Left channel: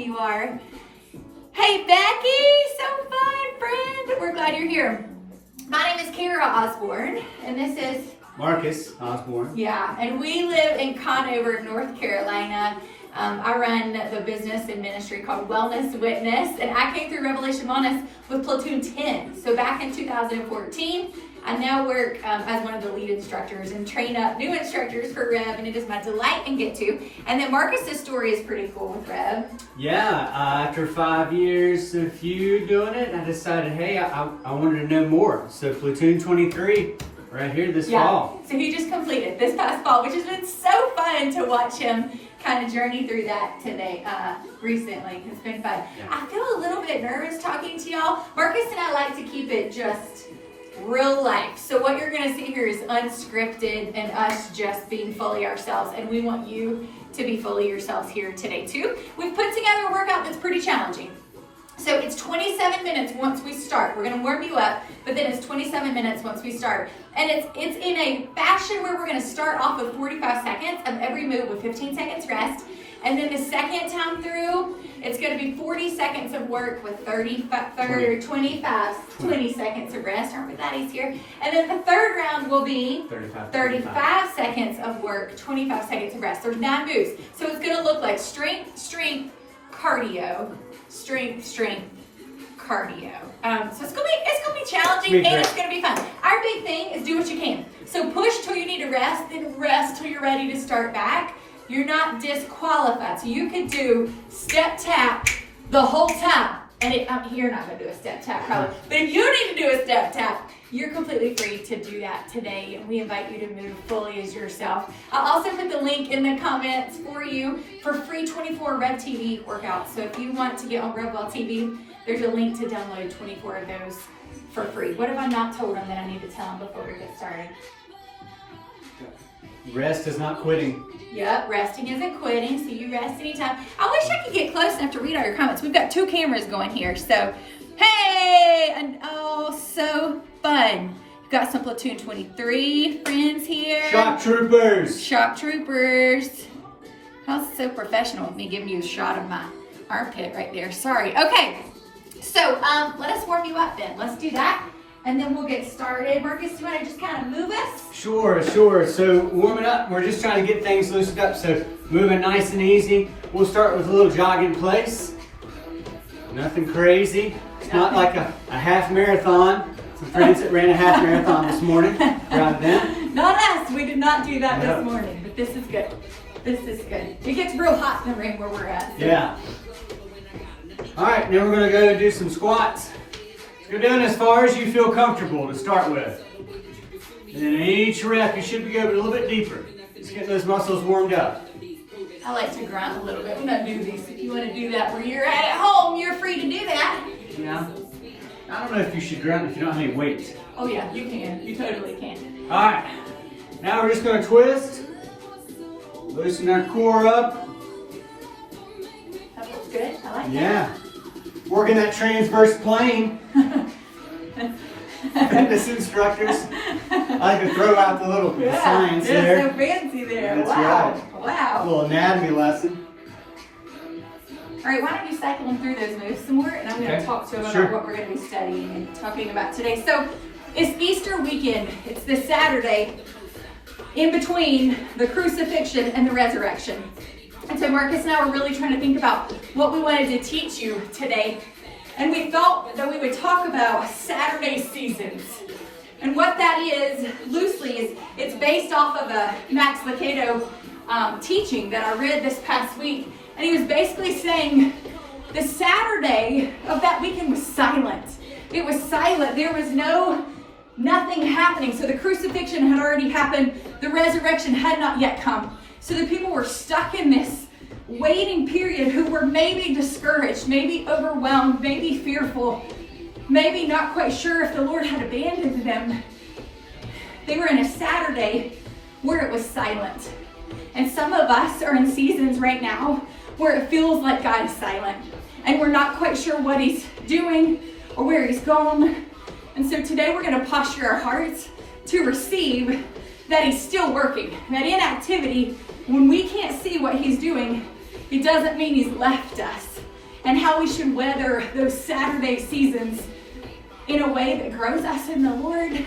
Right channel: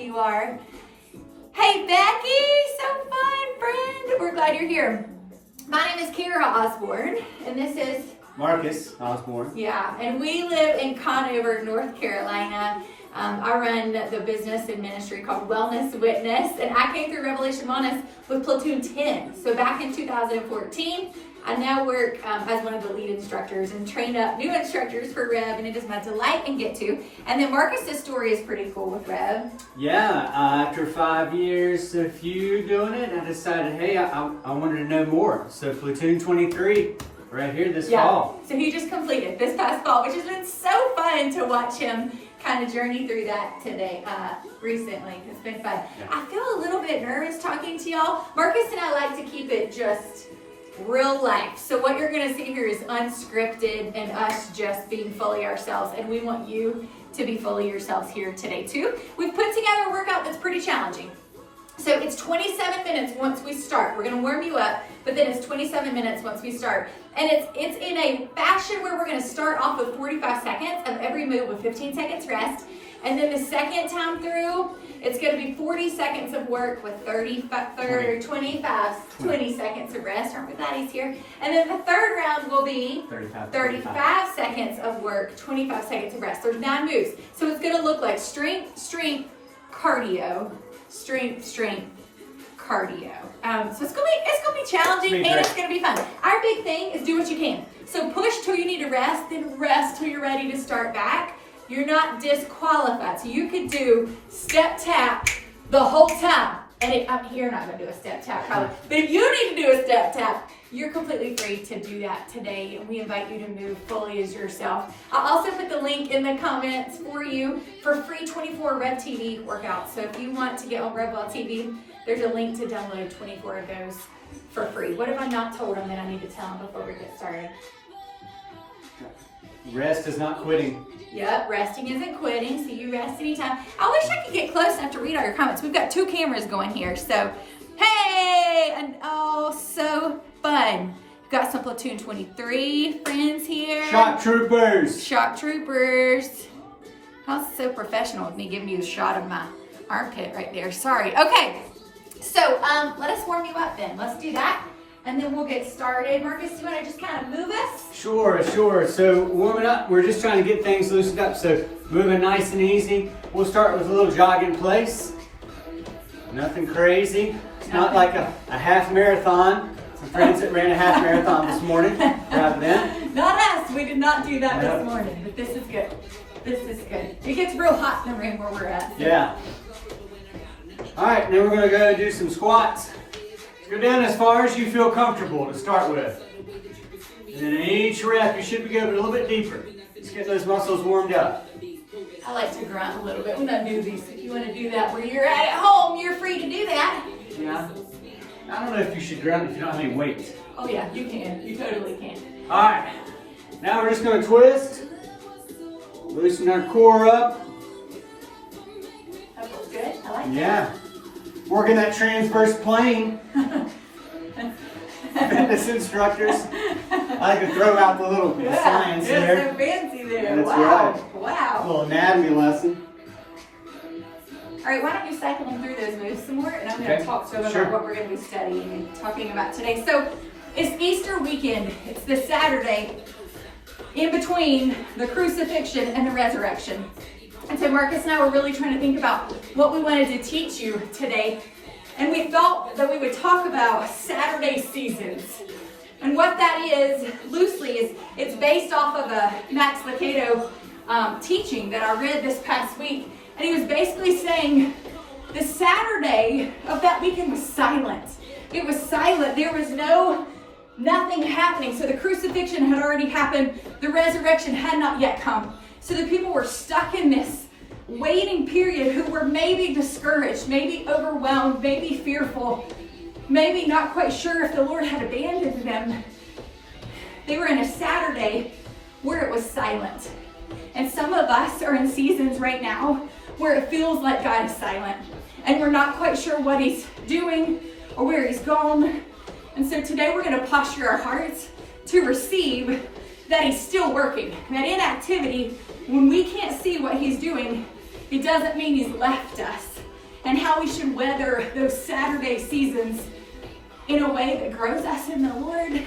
you are. Hey, Becky, so fun, friend. We're glad you're here. My name is Kara Osborne, and this is Marcus Osborne. Yeah, and we live in Conover, North Carolina. I run the business and ministry called Wellness Witness, and I came through Revelation Wellness with Platoon 10. So back in 2014, I now work as one of the lead instructors and train up new instructors for Rev, and it is my delight and get to. And then Marcus's story is pretty cool with Rev. Yeah, after 5 years of you doing it, I decided, hey, I wanted to know more. So Platoon 23, right here this fall. So he just completed this past fall, which has been so fun to watch him kind of journey through that today, recently. It's been fun. Yeah. I feel a little bit nervous talking to y'all. Marcus and I like to keep it just real life. So what you're going to see here is unscripted and us just being fully ourselves. And we want you to be fully yourselves here today too. We've put together a workout that's pretty challenging. So it's 27 minutes once we start. We're going to warm you up, but then it's 27 minutes once we start. And it's in a fashion where we're going to start off with 45 seconds of every move with 15 seconds rest. And then the second time through, it's going to be 40 seconds of work with 20 seconds of rest. Aren't we glad he's here? And then the third round will be 35 seconds of work, 25 seconds of rest. There's 9 moves. So it's going to look like strength, strength, cardio, strength, strength, cardio. So it's gonna be challenging and it's gonna be fun. Our big thing is do what you can. So push till you need to rest, then rest till you're ready to start back. You're not disqualified. So you could do step tap the whole time. And you're not gonna do a step tap probably. But if you need to do a step tap, you're completely free to do that today. And we invite you to move fully as yourself. I'll also put the link in the comments for you for free 24 Rev TV workouts. So if you want to get on RevWell TV, there's a link to download 24 of those for free. What have I not told them that I need to tell them before we get started? Rest is not quitting. Yep, resting isn't quitting, so you rest anytime. I wish I could get close enough to read all your comments. We've got 2 cameras going here, so hey, and oh, so fun. You've got some Platoon 23 friends here. Shock troopers. Shock troopers. How's so professional with me giving you a shot of my armpit right there. Sorry. Okay, so let us warm you up then. Let's do that. And then we'll get started. Marcus, do you want to just kind of move us? Sure. So warming up, we're just trying to get things loosened up. So moving nice and easy. We'll start with a little jog in place. Nothing crazy. It's not like a half marathon. Some friends that ran a half marathon this morning. Proud of them. Not us. We did not do that this morning, but this is good. This is good. It gets real hot in the room where we're at. So. Yeah. All right, now we're going to go do some squats. Go down as far as you feel comfortable to start with. And then each rep, you should be going a little bit deeper. Just get those muscles warmed up. I like to grunt a little bit when I do these. If you want to do that where you're at home, you're free to do that. Yeah. I don't know if you should grunt if you don't have any weight. Oh yeah, you can. You totally can. All right. Now we're just going to twist. Loosen our core up. That feels good. I like that. Yeah. Working that transverse plane. Fitness instructors. I like to throw out the little science there. So fancy there. That's wow. right. Wow. A little anatomy lesson. All right, why don't you cycle them through those moves some more, and I'm going to talk to them about what we're going to be studying and talking about today. So it's Easter weekend. It's this Saturday in between the crucifixion and the resurrection. And so Marcus and I were really trying to think about what we wanted to teach you today. And we thought that we would talk about Saturday seasons. And what that is, loosely, is it's based off of a Max Lucado teaching that I read this past week. And he was basically saying the Saturday of that weekend was silent. It was silent. There was nothing happening. So the crucifixion had already happened. The resurrection had not yet come. So the people were stuck in this waiting period who were maybe discouraged, maybe overwhelmed, maybe fearful, maybe not quite sure if the Lord had abandoned them. They were in a Saturday where it was silent. And some of us are in seasons right now where it feels like God is silent. And we're not quite sure what he's doing or where he's gone. And so today we're going to posture our hearts to receive that he's still working. That inactivity, when we can't see what he's doing, it doesn't mean he's left us. and how we should weather those Saturday seasons in a way that grows us in the Lord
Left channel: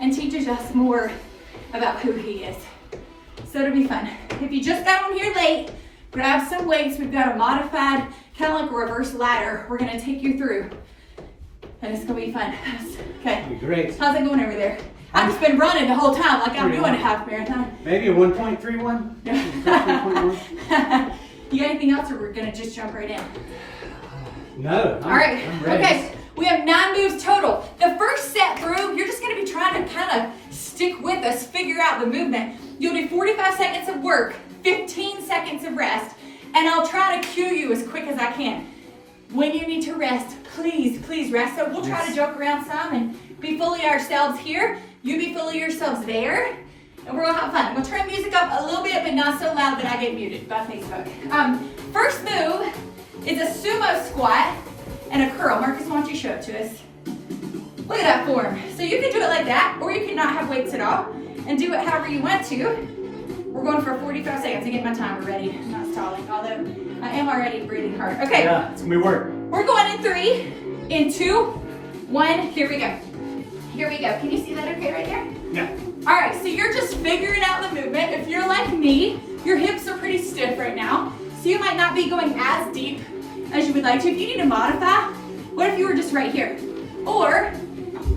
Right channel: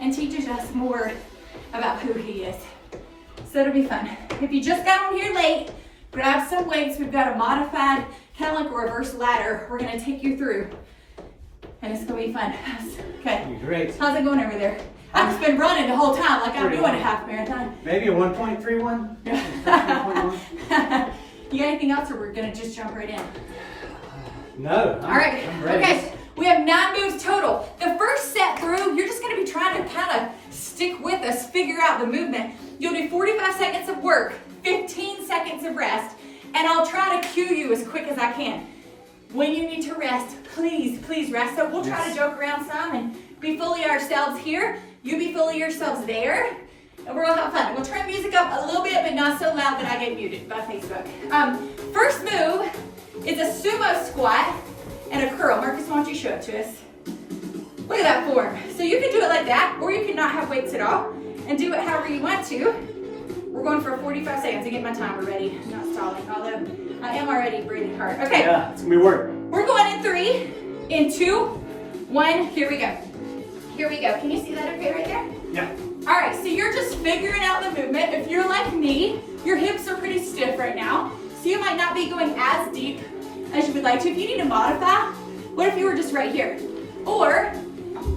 and teaches us more about who He is. So it'll be fun. If you just got on here late, grab some weights. We've got a modified, kind of like a reverse ladder, we're gonna take you through. And it's gonna be fun. Okay. Be great. How's it going over there? I've just been running the whole time like I'm doing a half marathon. Maybe a 1.31? 1.1? You got anything else, or we're gonna just jump right in? No. All right. Okay. We have 9 moves total. The first set through, you're just gonna be trying to kind of stick with us, figure out the movement. You'll do 45 seconds of work, 15 seconds of rest, and I'll try to cue you as quick as I can. When you need to rest, please rest. So we'll try to joke around some and be fully ourselves here. You be fully yourselves there. And we're gonna have fun. We'll turn music up a little bit, but not so loud that I get muted by Facebook. First move is a sumo squat and a curl. Marcus, why don't you show it to us? Look at that form. So you can do it like that, or you can not have weights at all and do it however you want to. We're going for 45 seconds to get my timer ready. I'm not stalling, although I am already breathing hard. Okay. Yeah, it's gonna be work. We're going in 3, in 2, 1. Here we go. Here we go. Can you see that okay right there? Yeah. All right, so you're just figuring out the movement. If you're like me, your hips are pretty stiff right now, so you might not be going as deep as you would like to. If you need to modify, what if you were just right here? Or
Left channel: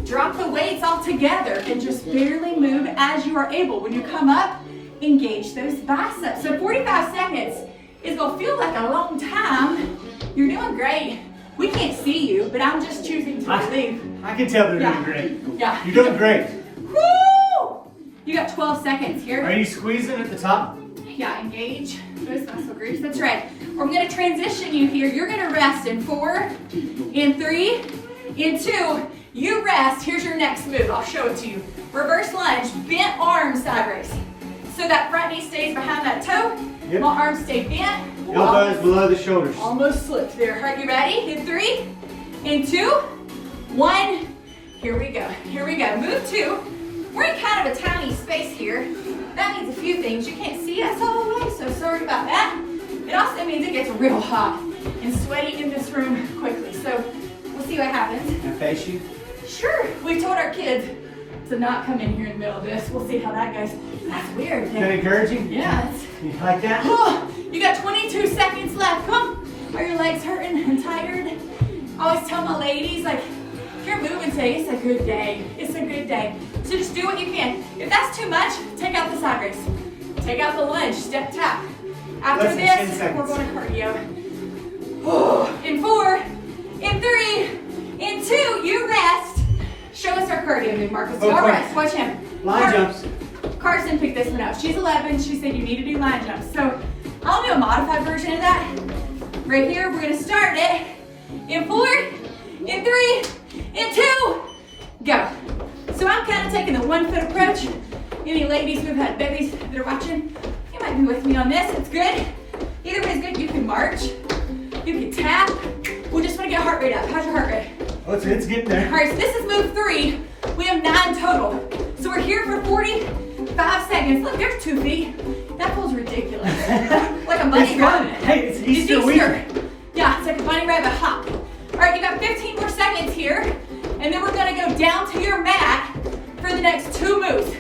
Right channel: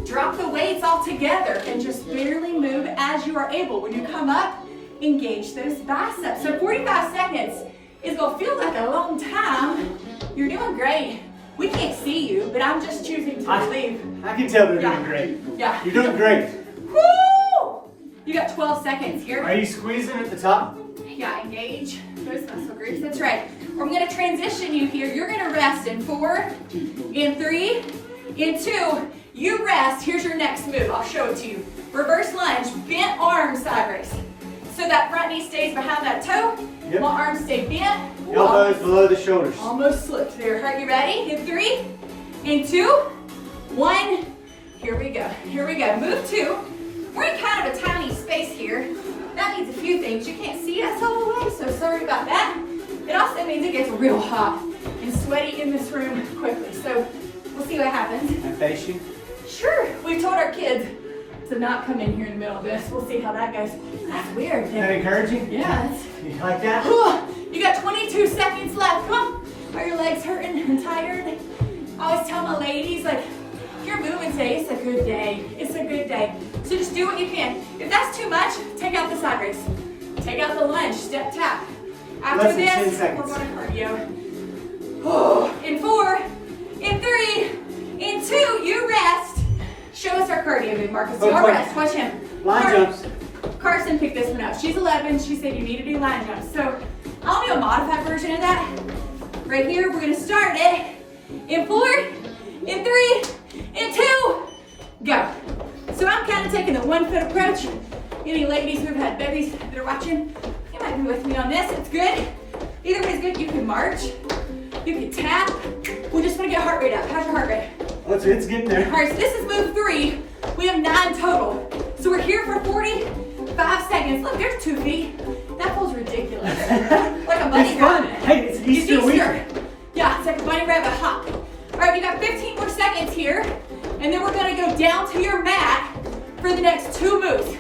drop the weights all together and just barely move as you are able. When you come up, engage those biceps. So 45 seconds is gonna feel like a long time. You're doing great. We can't see you, but I'm just choosing to believe. I can tell they're doing great. Yeah. You're doing great. Woo! You got 12 seconds here. Are you squeezing at the top? Yeah, engage those muscle groups. That's right. We're gonna transition you here. You're gonna rest in 4, in 3, in 2. You rest. Here's your next move. I'll show it to you. Reverse lunge, bent arms side raise. So that front knee stays behind that toe. Yep. My arms stay bent. Elbows below the shoulders. Almost slipped there. Are you ready? In 3, in 2, 1. Here we go. Here we go. Move 2. We're in kind of a tiny space here. That means a few things. You can't see us all the way, so sorry about that. It also means it gets real hot and sweaty in this room quickly. So we'll see what happens. And face you? Sure. We told our kids to not come in here in the middle of this. We'll see how that goes. That's weird. Is that encouraging? Yeah. You like that? You got 22 seconds left. Come on. Are your legs hurting and tired? I always tell my ladies, like, if you're moving today, it's a good day. It's a good day. So just do what you can. If that's too much, take out the side raise. Take out the lunge, step tap. After this, we're going to cardio. In 4, in 3, in 2, you rest. Show us our cardio move, Marcus. So our rest, watch him. Line jumps. Carson picked this one up. She's 11. She said you need to do line jumps. So I'll do a modified version of that. Right here, we're going to start it. In 4, in 3, in 2, go. So I'm kind of taking the 1 foot approach. Any ladies who've had babies that are watching, you might be with me on this. It's good. Either way is good. You can march. You can tap. We just want to get heart rate up. How's your heart rate? Oh, it's getting there. All right, so this is move 3. We have 9 total. So we're here for 45 seconds. Look, there's 2 feet. That feels ridiculous. Like a bunny rabbit. Hey, it's Easter weekend. Yeah, it's like a bunny rabbit hop. All right, you got 15 more seconds here. And then we're gonna go down to your mat for the next 2 moves.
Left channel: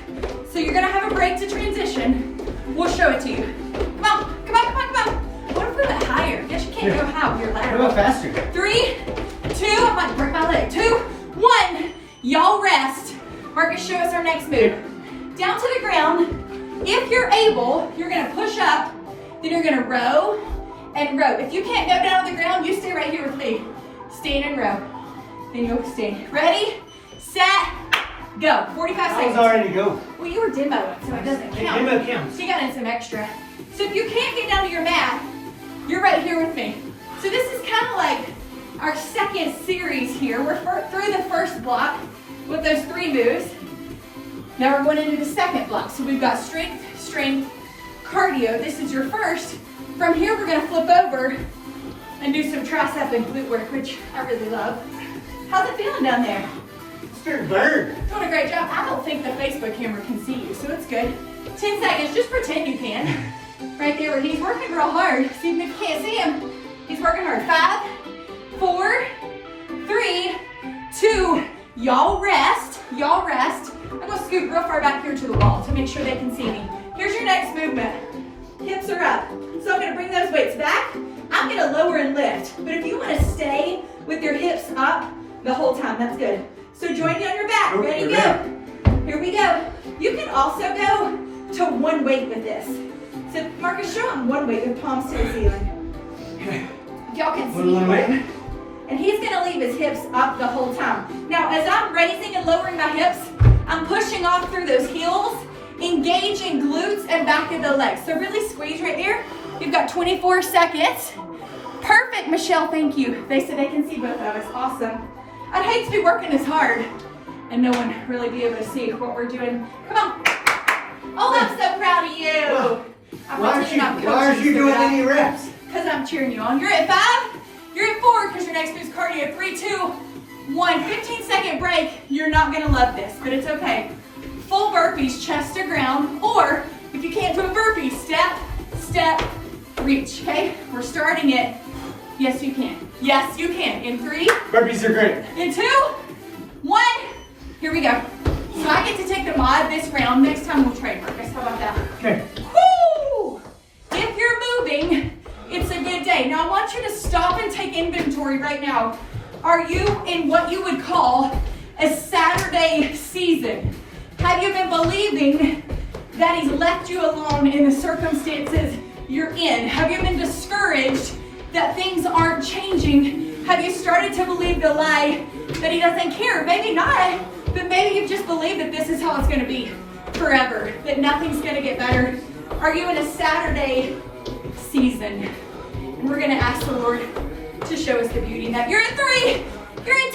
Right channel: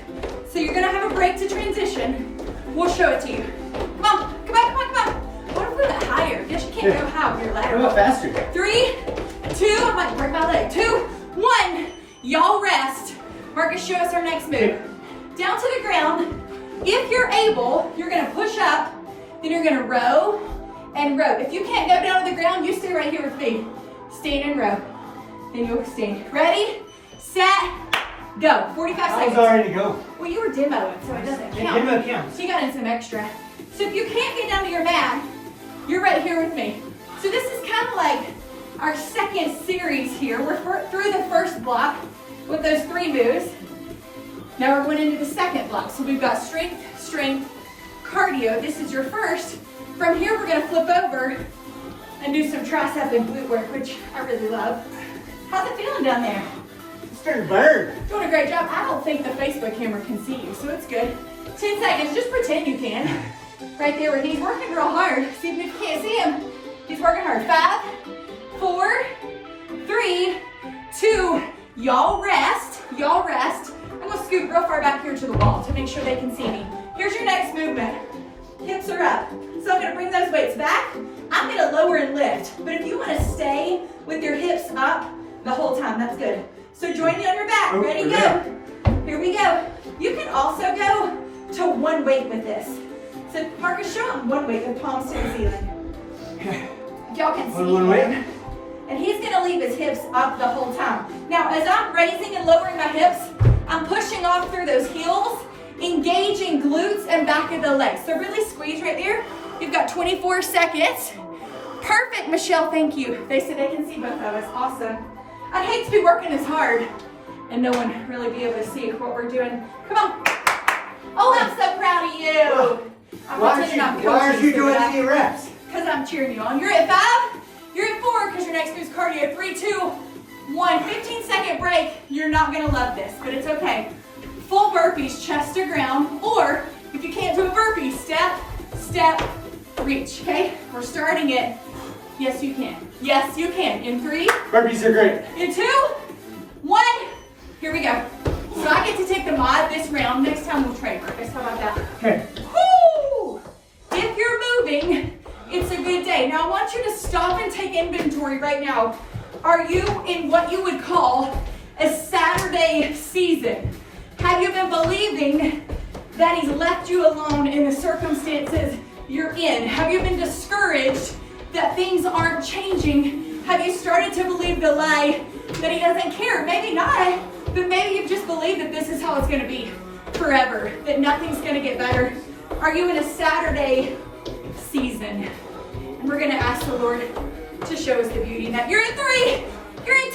So you're gonna have a break to transition. We'll show it to you. Come on, come on, come on, come on. What if we went higher? I guess you can't go high with your lateral. Go faster. 3, 2, I might break my leg. 2, 1. Y'all rest. Marcus, show us our next move. Down to the ground. If you're able, you're gonna push up, then you're gonna row and row. If you can't go down to the ground, you stay right here with me. Stand and row. And you'll stand. Ready, set, go. 45 seconds. I was already go. Well, you were demoing, so it doesn't count. Demo counts. So you got in some extra. So if you can't get down to your mat, you're right here with me. So this is kind of like our second series here. We're through the first block with those 3 moves. Now we're going into the second block. So we've got strength, strength, cardio. This is your first. From here, we're going to flip over and do some tricep and glute work, which I really love. How's it feeling down there? It's starting to burn. Doing a great job. I don't think the Facebook camera can see you, so it's good. 10 seconds, just pretend you can. Right there where he's working real hard. See if you can't see him. He's working hard. 5, Y'all rest, y'all rest. I'm gonna scoot real far back here to the wall to make sure they can see me. Here's your next movement. Hips are up. So I'm gonna bring those weights back. I'm gonna lower and lift. But if you wanna stay with your hips up the whole time, that's good. So join me on your back. Ready, go. Here we go. You can also go to one weight with this. So Marcus, show him one weight with palms to the ceiling. Y'all can see one weight. And he's gonna leave his hips up the whole time. Now, as I'm raising and lowering my hips, I'm pushing off through those heels, engaging glutes and back of the legs. So really squeeze right there. You've got 24 seconds. Perfect, Michelle, thank you. They said they can see both of us, awesome. I'd hate to be working this hard and no one really be able to see what we're doing. Come on. Oh, I'm so proud of you. Why aren't you doing any reps? Because I'm cheering you on. You're at 5, you're at 4, because your next move's cardio. 3, 2, 1. 15-second break. You're not gonna love this, but it's okay. Full burpees, chest to ground, or if you can't do a burpee, step, step, reach, okay? We're starting it. Yes, you can. Yes, you can. In 3. Burpees are great. In 2, 1. Here we go. So I get to take the mod this round. Next time we'll trade, Marcus. How about that? Okay. Woo! If you're moving, it's a good day. Now I want you to stop and take inventory right now. Are you in what you would call a Saturday season? Have you been believing that he's left you alone in the circumstances you're in? Have you been discouraged that things aren't changing? Have you started to believe the lie that he doesn't care? Maybe not, but maybe you've just believed that this is how it's gonna be forever, that nothing's gonna get better. Are you in a Saturday season? And we're gonna ask the Lord to show us the beauty in that. You're at 3, you're at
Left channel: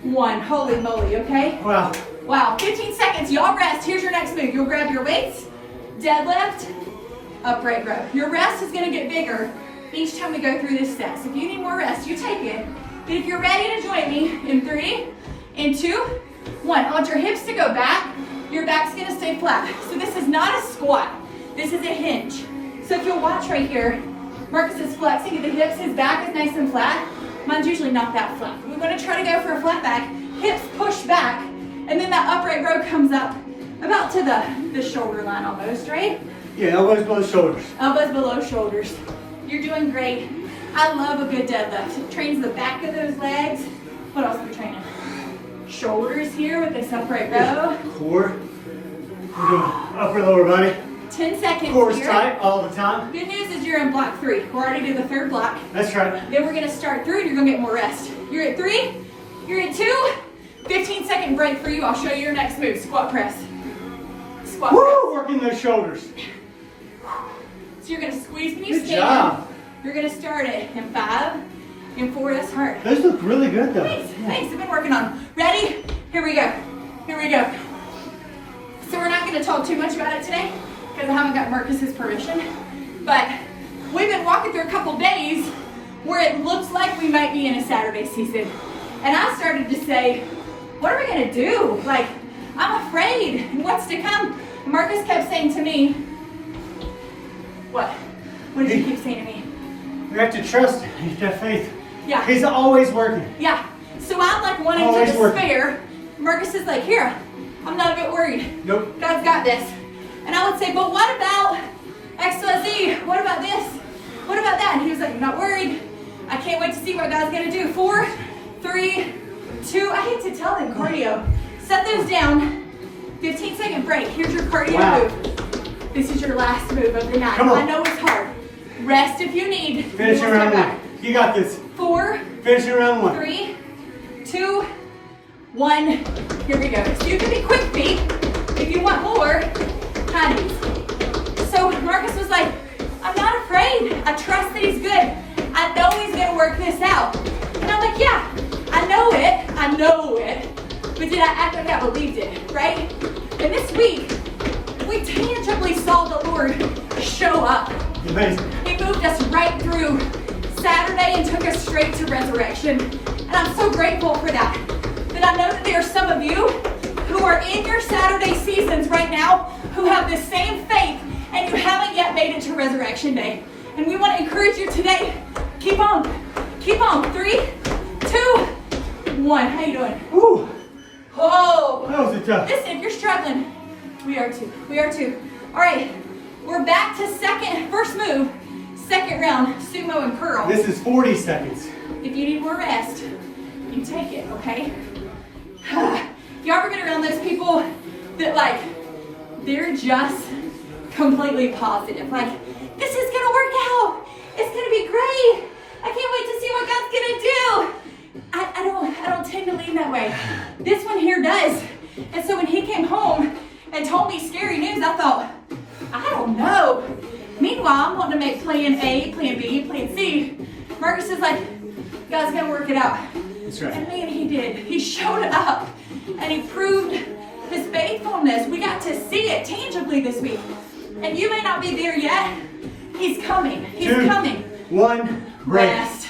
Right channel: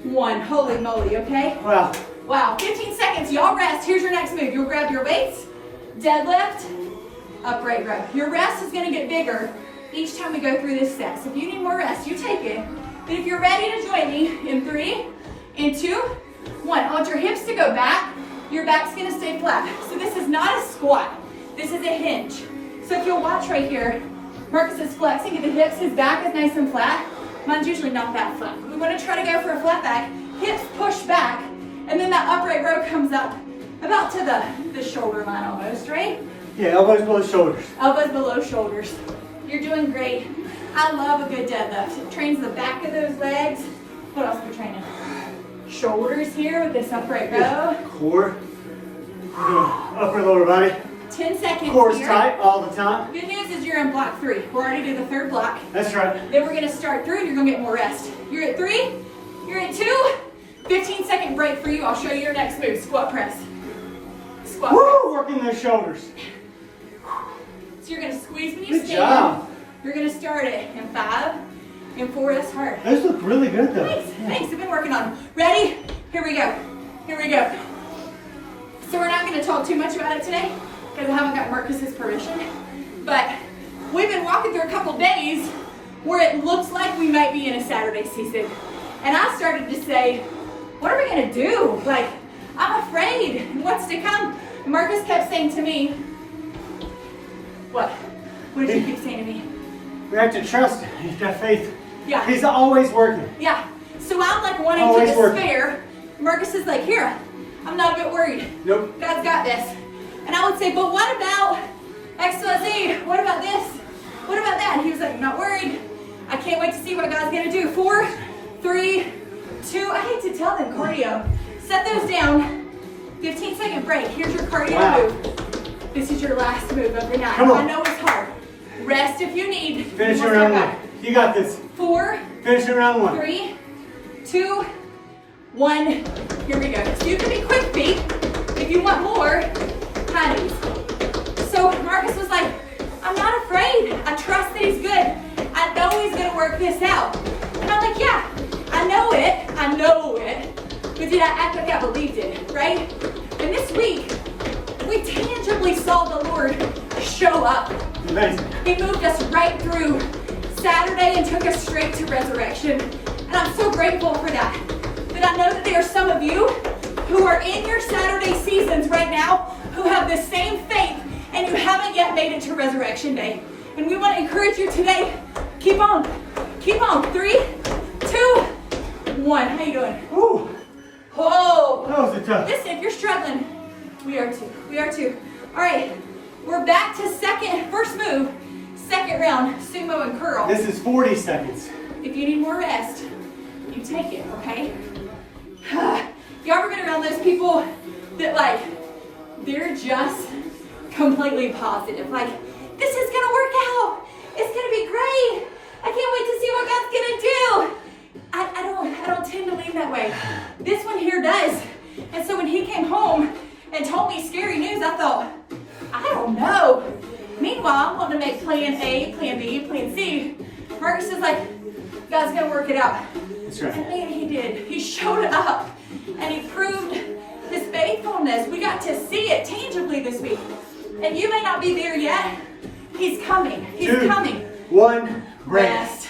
2, 1. Holy moly, okay? Wow. Wow, 15 seconds, y'all rest. Here's your next move. You'll grab your weights, deadlift, upright row. Your rest is gonna get bigger each time we go through this set. So if you need more rest, you take it. But if you're ready to join me in 3, in 2, 1. I want your hips to go back. Your back's gonna stay flat. So this is not a squat. This is a hinge. So if you'll watch right here, Marcus is flexing at the hips. His back is nice and flat. Mine's usually not that flat. We wanna try to go for a flat back. Hips push back. And then that upright row comes up about to the shoulder line almost, right? Yeah, elbows below shoulders. Elbows below shoulders. You're doing great. I love a good deadlift. It trains the back of those legs. What else are we training? Shoulders here with this upright row. Core. Upper lower body. 10 seconds Core's here. tight all the time. Good news is you're in block 3. We're already to the 3rd block. That's right. Then we're gonna start through and you're gonna get more rest. You're at 3, you're at 2, 15-second break for you. I'll show you your next move, squat press. Squat press. Woo! Working those shoulders. So you're gonna squeeze when you Good stand. job. You're gonna start it in 5, in 4, that's hard. Those look really good though. Thanks, thanks, I've been working on. Ready? Here we go, here we go. So we're not gonna talk too much about it today because I haven't got Marcus's permission, but we've been walking through a couple days where it looks like we might be in a Saturday season. And I started to say, what are we gonna do? Like, I'm afraid, and what's to come? And Marcus kept saying to me, what? What did you keep saying to me? We have to trust him. He's got faith. Yeah. He's always working. Yeah. So I'm like wanting Always to despair. Marcus is like, here, I'm not a bit worried. Nope. God's got this. And I would say, but what about XYZ? What about this? What about that? And he was like, I'm not worried. I can't wait to see what God's gonna do. 4, 3, 2, I hate to tell them cardio. Set those down. 15-second break. Here's your cardio move. This is your last move of the night. Come on. I know it's hard. Rest if you need. Finish in round 1. You got this. 4, Finish in round 1. 3, 2, 1. Here we go. So you can be quick feet. If you want more, kind of. So Marcus was like, I'm not afraid. I trust that he's good. I know he's going to work this out. And I'm like, yeah, I know it. I know it. But did I act like I believed it, right? And this week, we tangibly saw the Lord show up. Amazing. He moved us right through Saturday and took us straight to resurrection. And I'm so grateful for that. But I know that there are some of you who are in your Saturday seasons right now who have the same faith and you haven't yet made it to Resurrection Day. And we want to encourage you today, keep on. Keep on. 3, 2, 1. How you doing? Woo. Oh, That was a tough. listen, if you're struggling, we are too. We are too. All right, we're back to first move, second round, sumo and curl. This is 40 seconds. If you need more rest, you take it, okay? Y'all ever been around those people that like, they're just completely positive. Like, this is gonna work out. It's gonna be great. I can't wait to see what God's gonna do. I don't tend to lean that way. This one here does. And so when he came home and told me scary news, I thought, I don't know. Meanwhile, I'm wanting to make plan A, plan B, plan C. Marcus is like, God's gonna work it out. That's right. And man, he did. He showed up and he proved his faithfulness. We got to see it tangibly this week. And you may not be there yet. He's coming. He's 2, coming. 1, Rest.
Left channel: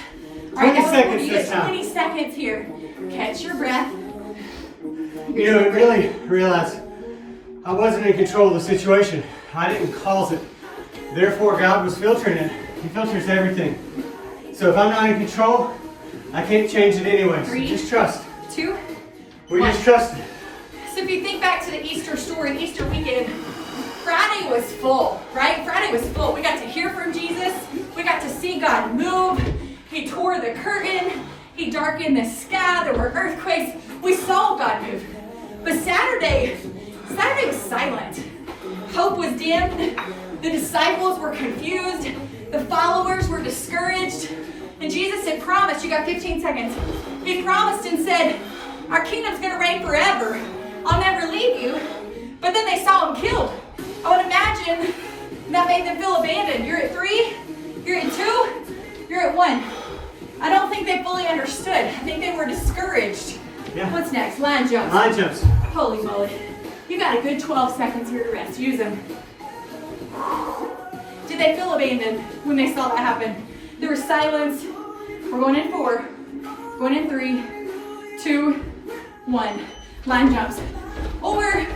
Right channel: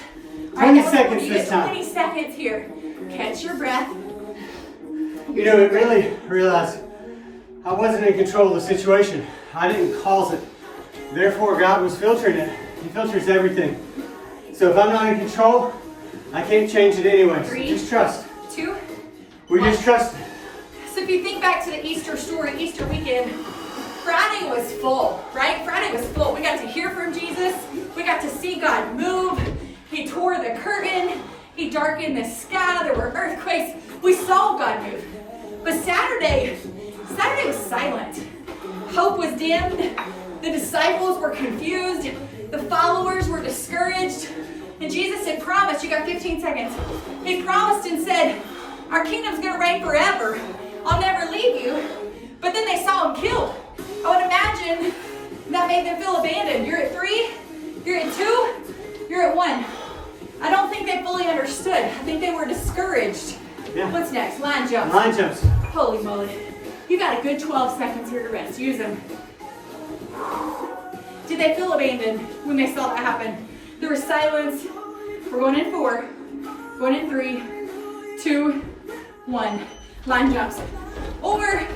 All 20 right, seconds you this get time. 20 seconds here. Catch your breath. You know, I really realized I wasn't in control of the situation. I didn't cause it. Therefore, God was filtering it. He filters everything. So if I'm not in control, I can't change it anyway. So 3, just trust. 2, We 1. just trust. So if you think back to the Easter story, Easter weekend, Friday was full, right? Friday was full. We got to hear from Jesus. We got to see God move. He tore the curtain. He darkened the sky. There were earthquakes. We saw God move. But Saturday was silent. Hope was dimmed. The disciples were confused. The followers were discouraged. And Jesus had promised, you got 15 seconds. He promised and said, our kingdom's gonna reign forever. I'll never leave you. But then they saw him killed. I would imagine that made them feel abandoned. You're at 3, you're at 2, you're at 1. I don't think they fully understood. I think they were discouraged. Yeah. What's next? Line jumps. Line jumps. Holy moly. You got a good 12 seconds here to rest. Use them. Did they feel abandoned when they saw that happen? There was silence. We're going in 4, going in 3, 2, 1. Line jumps. Or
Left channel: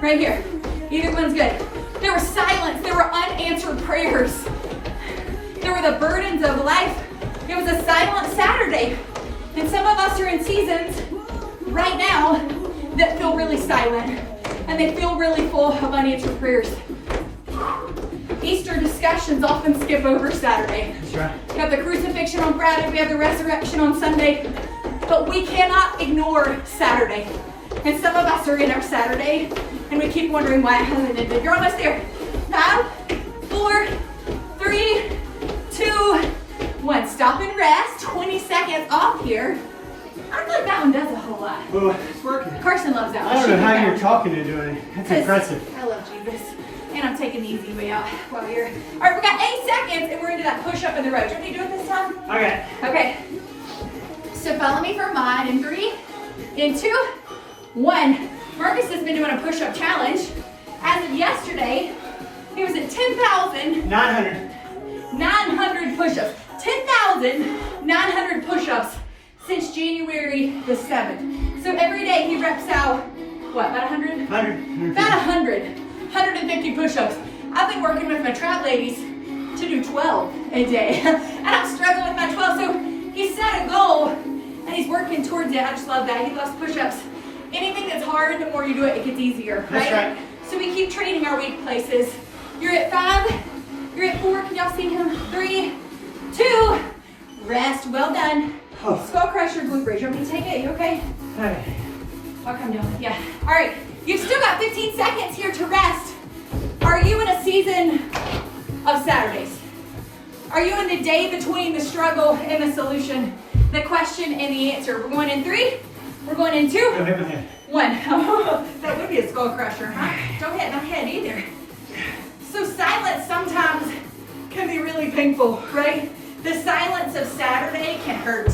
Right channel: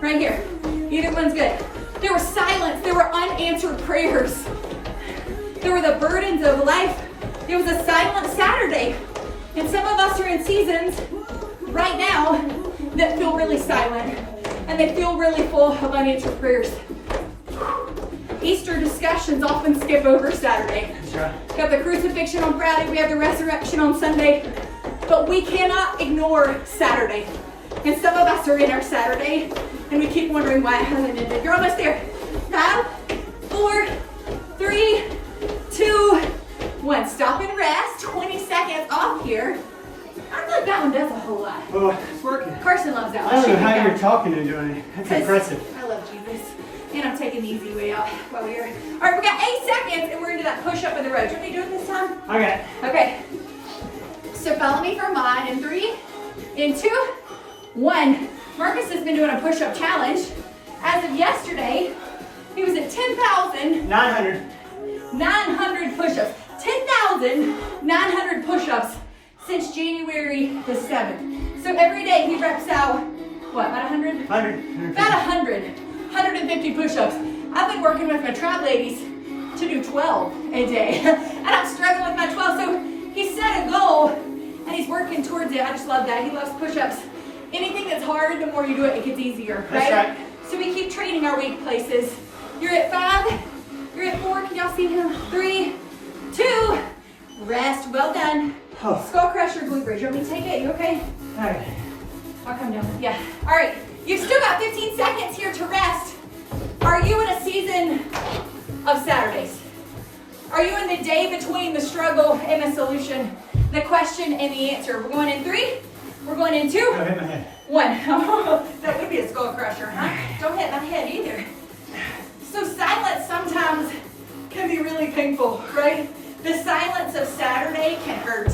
right here. Either one's good. There was silence. There were unanswered prayers. There were the burdens of life. It was a silent Saturday. And some of us are in seasons right now that feel really silent. And they feel really full of unanswered prayers. Easter discussions often skip over Saturday. That's right. We have the crucifixion on Friday. We have the resurrection on Sunday. But we cannot ignore Saturday. And some of us are in our Saturday, and we keep wondering why it hasn't ended. You're almost there. 5, 4, 3, 2, 1. Stop and rest. 20 seconds off here. I feel like that one does a whole lot. Oh, it's working. Carson loves that one. I don't know She how can you're go. talking and doing it. That's impressive. I love Jesus. And I'm taking the easy way out while we're here. All right, we got 8 seconds, and we're into that push-up in the road. Do you want me to do it this time? Okay. Okay. So follow me for mine in 3, in 2, 1. Marcus has been doing a push-up challenge. As of yesterday, he was at 10,900 push-ups. 10,900 push-ups since January the 7th. So every day he reps out, what, about 100? 100. About 150 push-ups. I've been working with my tribe ladies to do 12 a day. And I'm struggling with my 12. So he set a goal and he's working towards it. I just love that. He loves push-ups. Anything that's hard, the more you do it, it gets easier, right? That's right. So we keep training our weak places. You're at 5, you're at 4, can y'all see him? 3, 2, rest, well done. Oh. Skull crusher, glute bridge. You want me to take it? You okay? Okay. I'll come down. Yeah. All right. You've still got 15 seconds here to rest. Are you in a season of Saturdays? Are you in the day between the struggle and the solution, the question and the answer? We're going in 3. We're going in 2. Go ahead, go ahead. 1. That would be a skull crusher, huh? Don't hit my head either. So silence sometimes can be really painful, right? The silence of Saturday can hurt.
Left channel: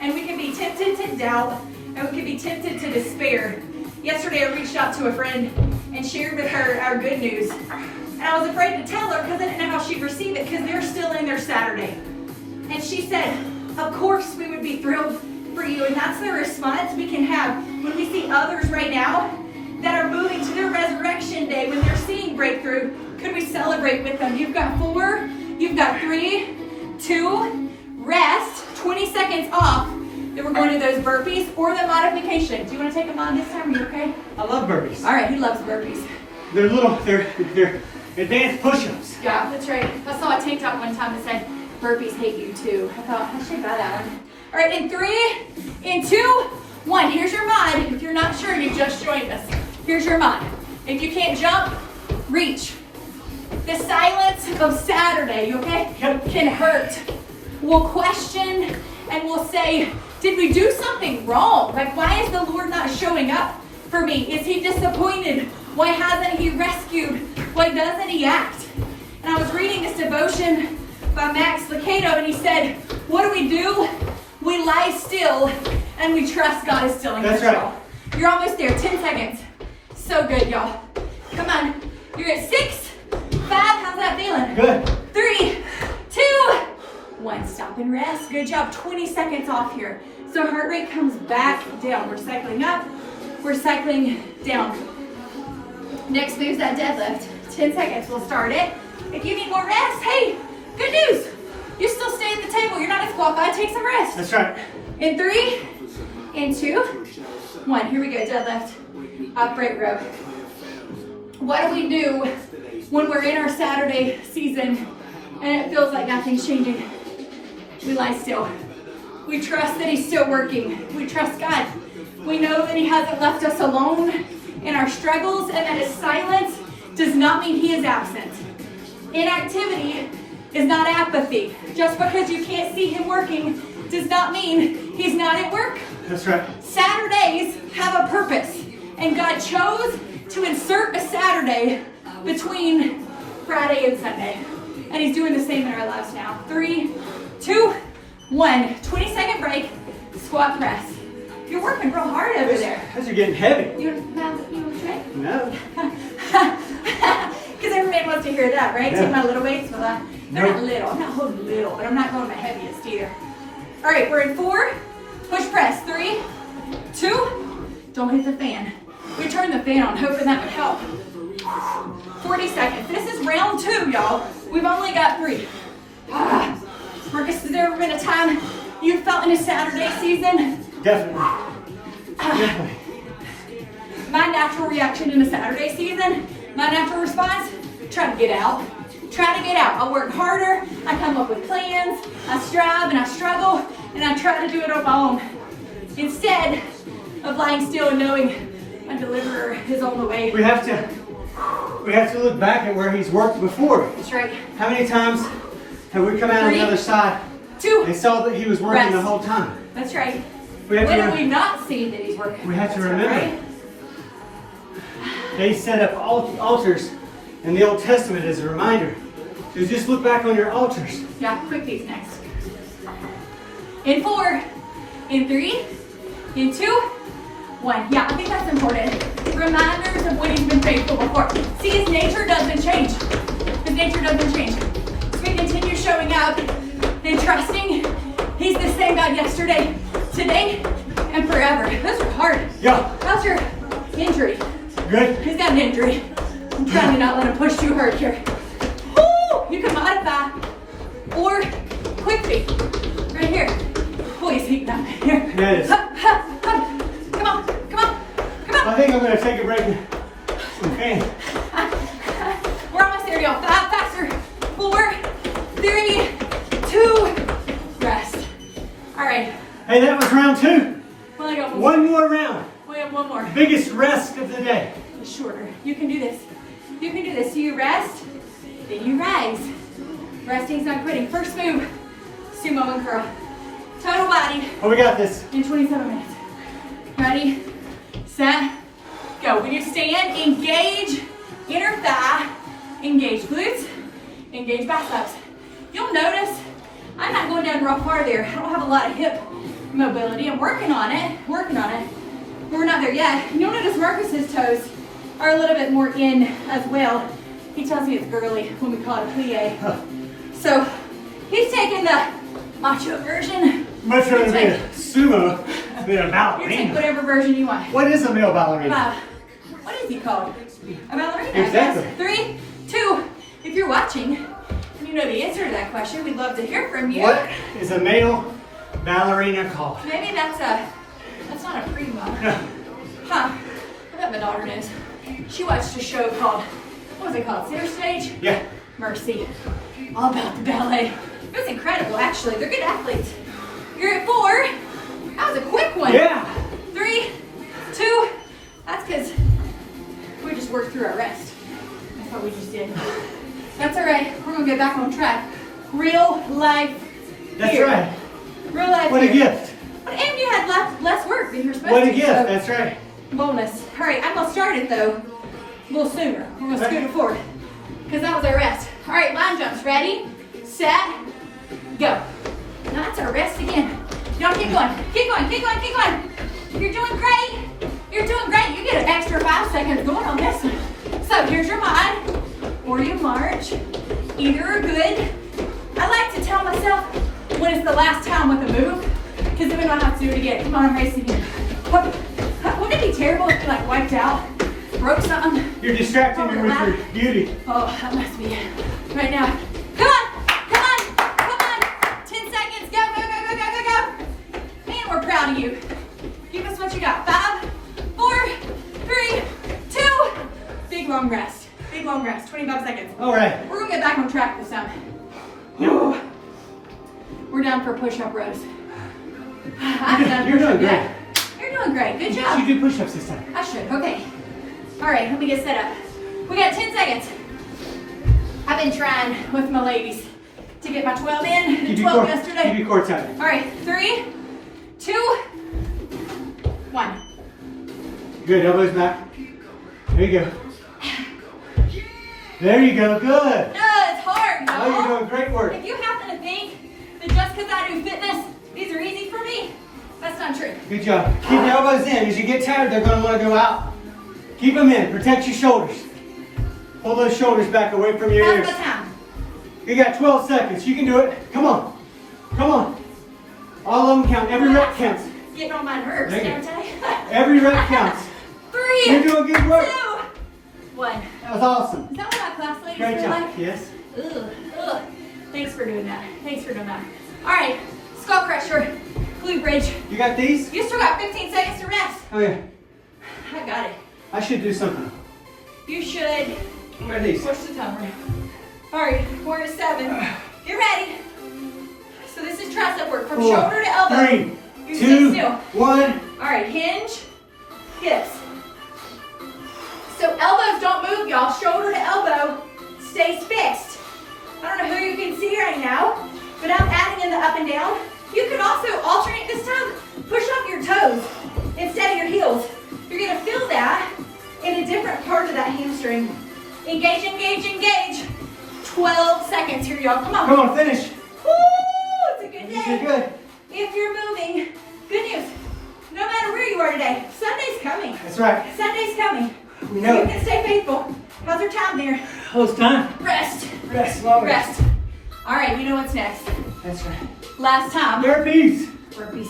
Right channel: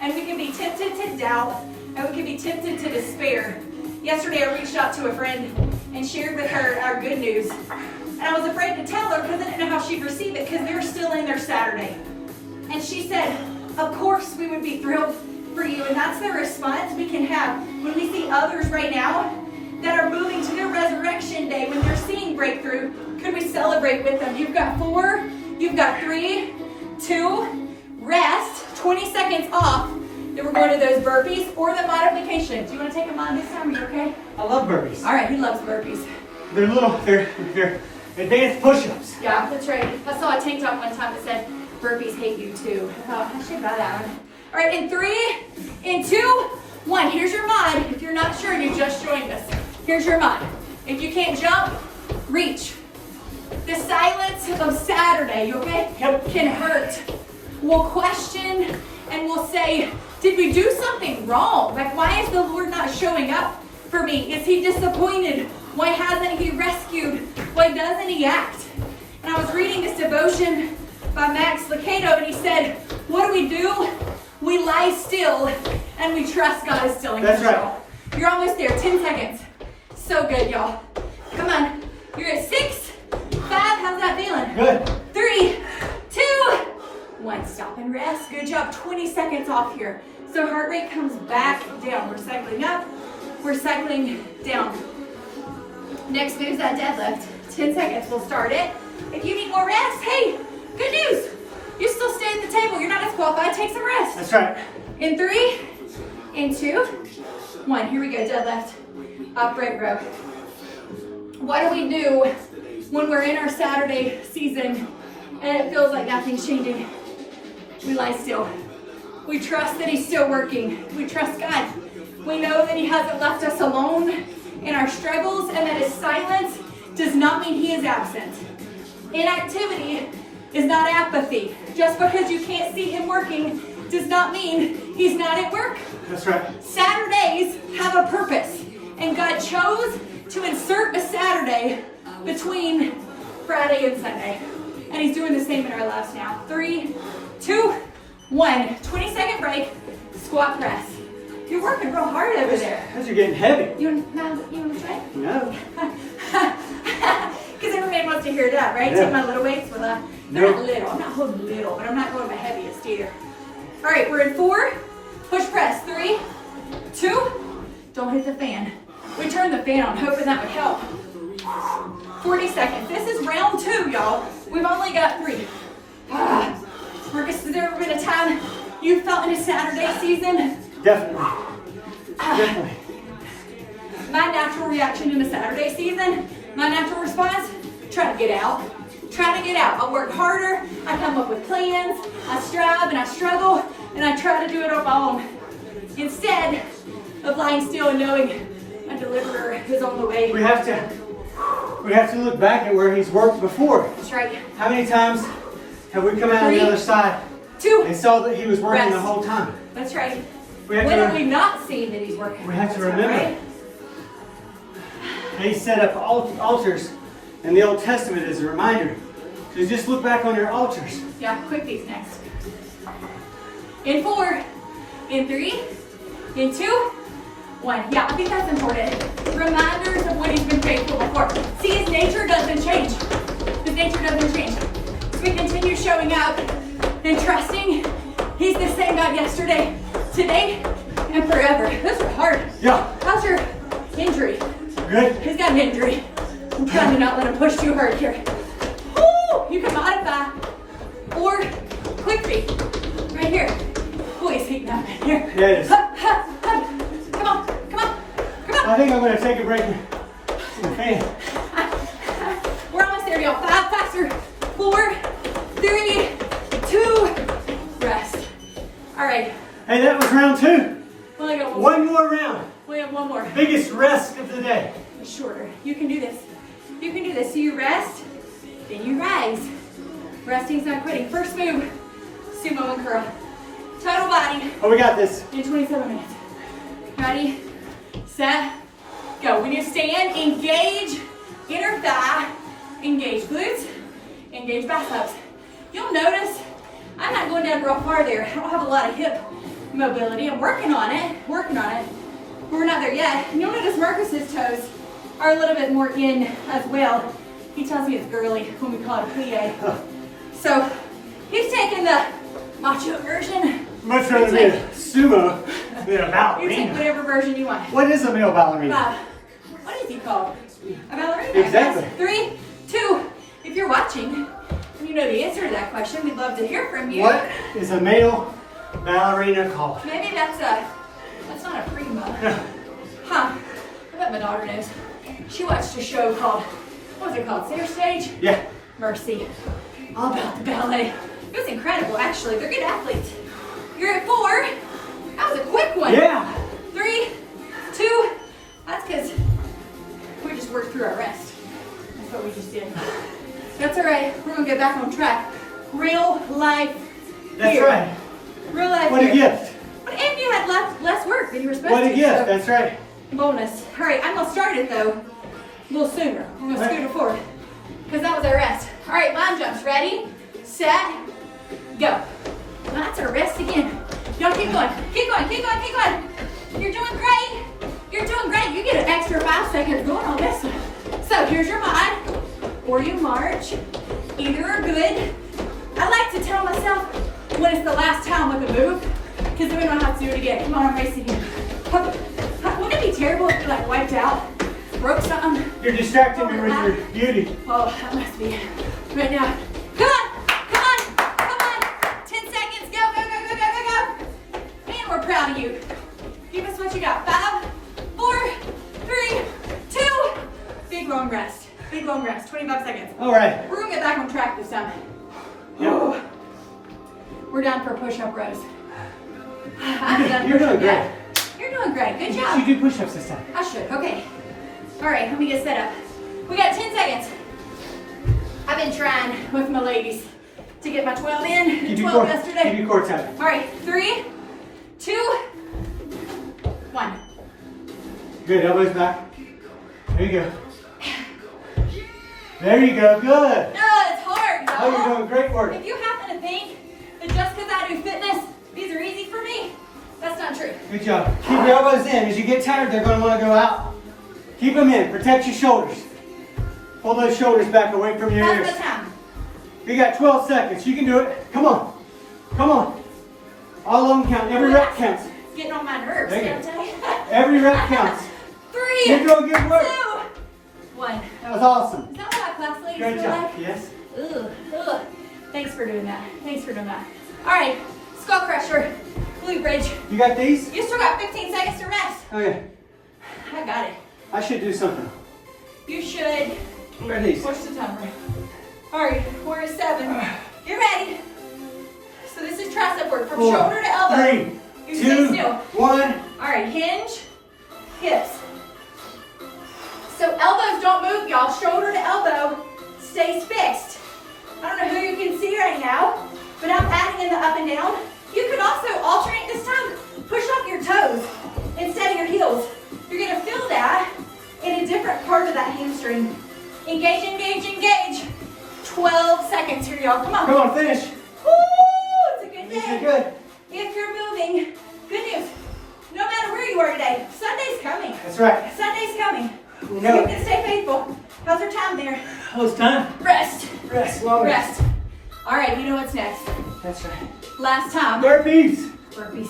And we can be tempted to doubt, and we can be tempted to despair. Yesterday I reached out to a friend and shared with her our good news. And I was afraid to tell her because I didn't know how she'd receive it because they're still in their Saturday. And she said, of course we would be thrilled for you. And that's the response we can have when we see others right now that are moving to their resurrection day, when they're seeing breakthrough. Could we celebrate with them? You've got 4, you've got 3, 2, rest, 20 seconds off. Then we're going to those burpees or the modification. Do you want to take them on this time? Are you okay? I love burpees. All right, he loves burpees. They're advanced push-ups. Yeah, that's right. I saw a tank top one time that said, burpees hate you too. I thought, I should buy that one. All right, in 3, in 2, 1. Here's your mod. If you're not sure, you just joined us. Here's your mod. If you can't jump, reach. The silence of Saturday, okay, can hurt. We'll question and we'll say, did we do something wrong? Like, why is the Lord not showing up for me? Is he disappointed? Why hasn't he rescued? Why doesn't he act? And I was reading this devotion by Max Lucado, and he said, what do? We lie still and we trust God is still in control. That's right. You're almost there, 10 seconds. So good, y'all. Come on. You're at 6, 5, how's that feeling? Good. 3, 2, 1. Stop and rest. Good job. 20 seconds off here. So heart rate comes back down. We're cycling up. We're cycling down. Next move's that deadlift. 10 seconds. We'll start it. If you need more rest, hey, good news. You still stay at the table. You're not disqualified. Take some rest. That's right. In 3, in 2, 1. Here we go. Deadlift. Upright row. What do we do when we're in our Saturday season and it feels like nothing's changing? We lie still. We trust that he's still working. We trust God. We know that he hasn't left us alone in our struggles and that his silence does not mean he is absent. Inactivity is not apathy. Just because you can't see him working does not mean he's not at work. That's right. Saturdays have a purpose, and God chose to insert a Saturday between Friday and Sunday. And he's doing the same in our lives now. 3, 2, 1. 20-second break. Squat press. You're working real hard over there. Those are getting heavy. You want to try? No. Because every man wants to hear that, right? Yeah. Take my little weights. Well, they're not little. I'm not holding little, but I'm not going my heaviest either. All right, we're in 4. Push press. 3, 2. Don't hit the fan. We turned the fan on, hoping that would help. 40 seconds. This is round 2, y'all. We've only got 3. Marcus, has there ever been a time you felt in a Saturday season? Definitely. Definitely. My natural reaction in a Saturday season, my natural response, try to get out. Try to get out. I work harder. I come up with plans. I strive and I struggle, and I try to do it on my own. Instead of lying still and knowing my deliverer is on the way. We have to look back at where he's worked before. That's right. How many times have we come out on the other side 2, and saw that he was working rest. the whole time? That's right. When have we not seen that he's working? We have to remember. Right? He set up altars in the Old Testament as a reminder. So just look back on your altars. Yeah, quickies next. In 4, in 3, in 2, 1. Yeah, I think that's important. Reminders of when he's been faithful before. See, his nature doesn't change. His nature doesn't change. So we continue showing up and trusting he's the same God yesterday, today, and forever. Those are hard. Yeah. How's your injury? Good. He's got an injury. I'm trying to not let him push too hard here. Woo! You can modify or quick feet. Right here. Oh, he's heating up in here. Yeah, it is. Hup, hup, hup. Come on, come on, come on. I think I'm going to take a break and fan. We're almost there, y'all. 5, faster. 4, 3, 2, rest. All right. Hey, that was round 2. We only got One more round. We have one more. Biggest rest of the day. Shorter. You can do this. You can do this. So you rest, then you rise. Resting's not quitting. First move, sumo and curl. Total body Oh, we got this. in 27 minutes. Ready, set, go. When you stand, engage inner thigh, engage glutes, engage biceps. You'll notice I'm not going down real far there. I don't have a lot of hip mobility. I'm working on it, but we're not there yet. And you'll notice Marcus's toes are a little bit more in as well. He tells me it's girly when we call it a plie. So he's taking the macho version. Much rather be a sumo than a You ballerina. take whatever version you want. What is a male ballerina? What is he called? A ballerina. Exactly. 3, 2. If you're watching and you know the answer to that question, we'd love to hear from you. What is a male ballerina cough. Maybe that's not a prima. Huh. I bet my daughter knows. She watched a show called, what was it called? Center Stage? Yeah. Mercy. All about the ballet. It was incredible, actually. They're good athletes. You're at 4. That was a quick one. Yeah. 3, 2. That's because we just worked through our rest. That's what we just did. That's all right. We're going to get back on track. Real life That's here. right. Real life What here. a gift. But and you had less work than you were supposed What to. a gift. So That's right. bonus. All right, I'm going to start it, though, a little sooner. We're going to scoot it forward because that was our rest. All right, line jumps. Ready, set, go. Now that's our rest again. Y'all keep going. Keep going. Keep going. Keep going. You're doing great. You're doing great. You get an extra 5 seconds going on this one. So here's your line. Or you march. Either are good. I like to tell myself when it's the last time with a move, because then we don't have to do it again. Come on, I'm racing here. Wouldn't it be terrible if you like wiped out, broke something? You're distracting me with your beauty. Oh, that must be it. Right now. Come on, come on, come on. 10 seconds, go, go, go, go, go, go, go. Man, we're proud of you. Give us what you got. 5, 4, 3, 2. Big long rest. Big long rest. 25 seconds. All right. We're gonna get back on track this time. Yep. We're down for push-up rows. You're doing great. You're doing great. Good You job. should do push-ups this time. I should. Okay. All right, let me get set up. We got 10 seconds. I've been trying with my ladies to get my 12 in. 12 yesterday. Keep your core tight. All right, 3, 2, 1. Good, elbows back. There you go. There you go, good. It's hard, y'all. Oh, you're doing great work. If you happen to think that just because I do fitness, these are easy for me, that's not true. Good job. Keep your elbows in. As you get tired, they're going to want to go out. Keep them in. Protect your shoulders. Pull those shoulders back away from your ears. How's my time? You got 12 seconds. You can do it. Come on. Come on. All of them count. Every rep counts. Getting on my nerves, can't I? Every rep counts. 3, You're doing good work. 2, 1. That was awesome. Is that what our class ladies Great feel job. like? Yes. Ugh, ugh. Thanks for doing that. Thanks for doing that. All right, skull crusher, glute bridge. You got these? You still got 15 seconds to rest. Okay. I got it. I should do something. You should. What are these? Push the timer. All right, 4 to 7. Get ready. So this is tricep work from 4, shoulder to elbow. 3, You 2, stay still. 1. All right, hinge, hips. So elbows don't move, y'all. Shoulder to elbow stays fixed. I don't know who you can see right now, but I'm adding in the up and down. You could also alternate this time. Push up your toes instead of your heels. You're gonna feel that in a different part of that hamstring. Engage, engage, engage. 12 seconds here, y'all. Come on. Come on, finish. Woo! It's a good day. You're good. If you're moving, good news. No matter where you are today, Sunday's coming. That's right. Sunday's coming. We So know you it. can stay faithful. How's your time there? Oh, it's time. Rest. Rest. Love it. Rest. All right, you know what's next. That's right. Last time. Burpees. Burpees.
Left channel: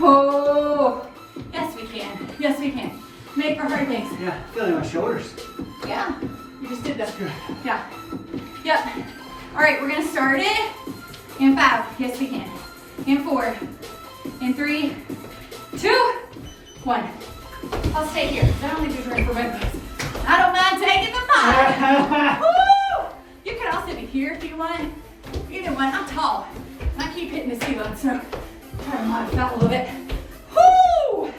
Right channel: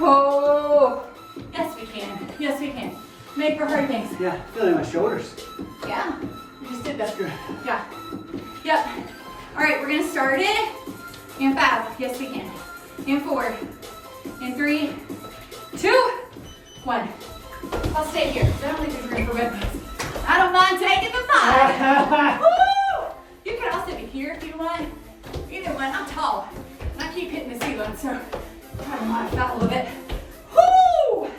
Oh. Yes, we can. Yes, we can. Make for hard things. Yeah, feeling my shoulders. Yeah. You just did that. Good. Yeah. Yep. All right, we're going to start it in 5. Yes, we can. In 4. In 3. 2. 1. I'll stay here. I don't think there's room for burpees. I don't mind taking the 5. Woo! You could also be here if you want. Either one. I'm tall. And I keep hitting the ceiling, so try to modify that a little bit. Woo!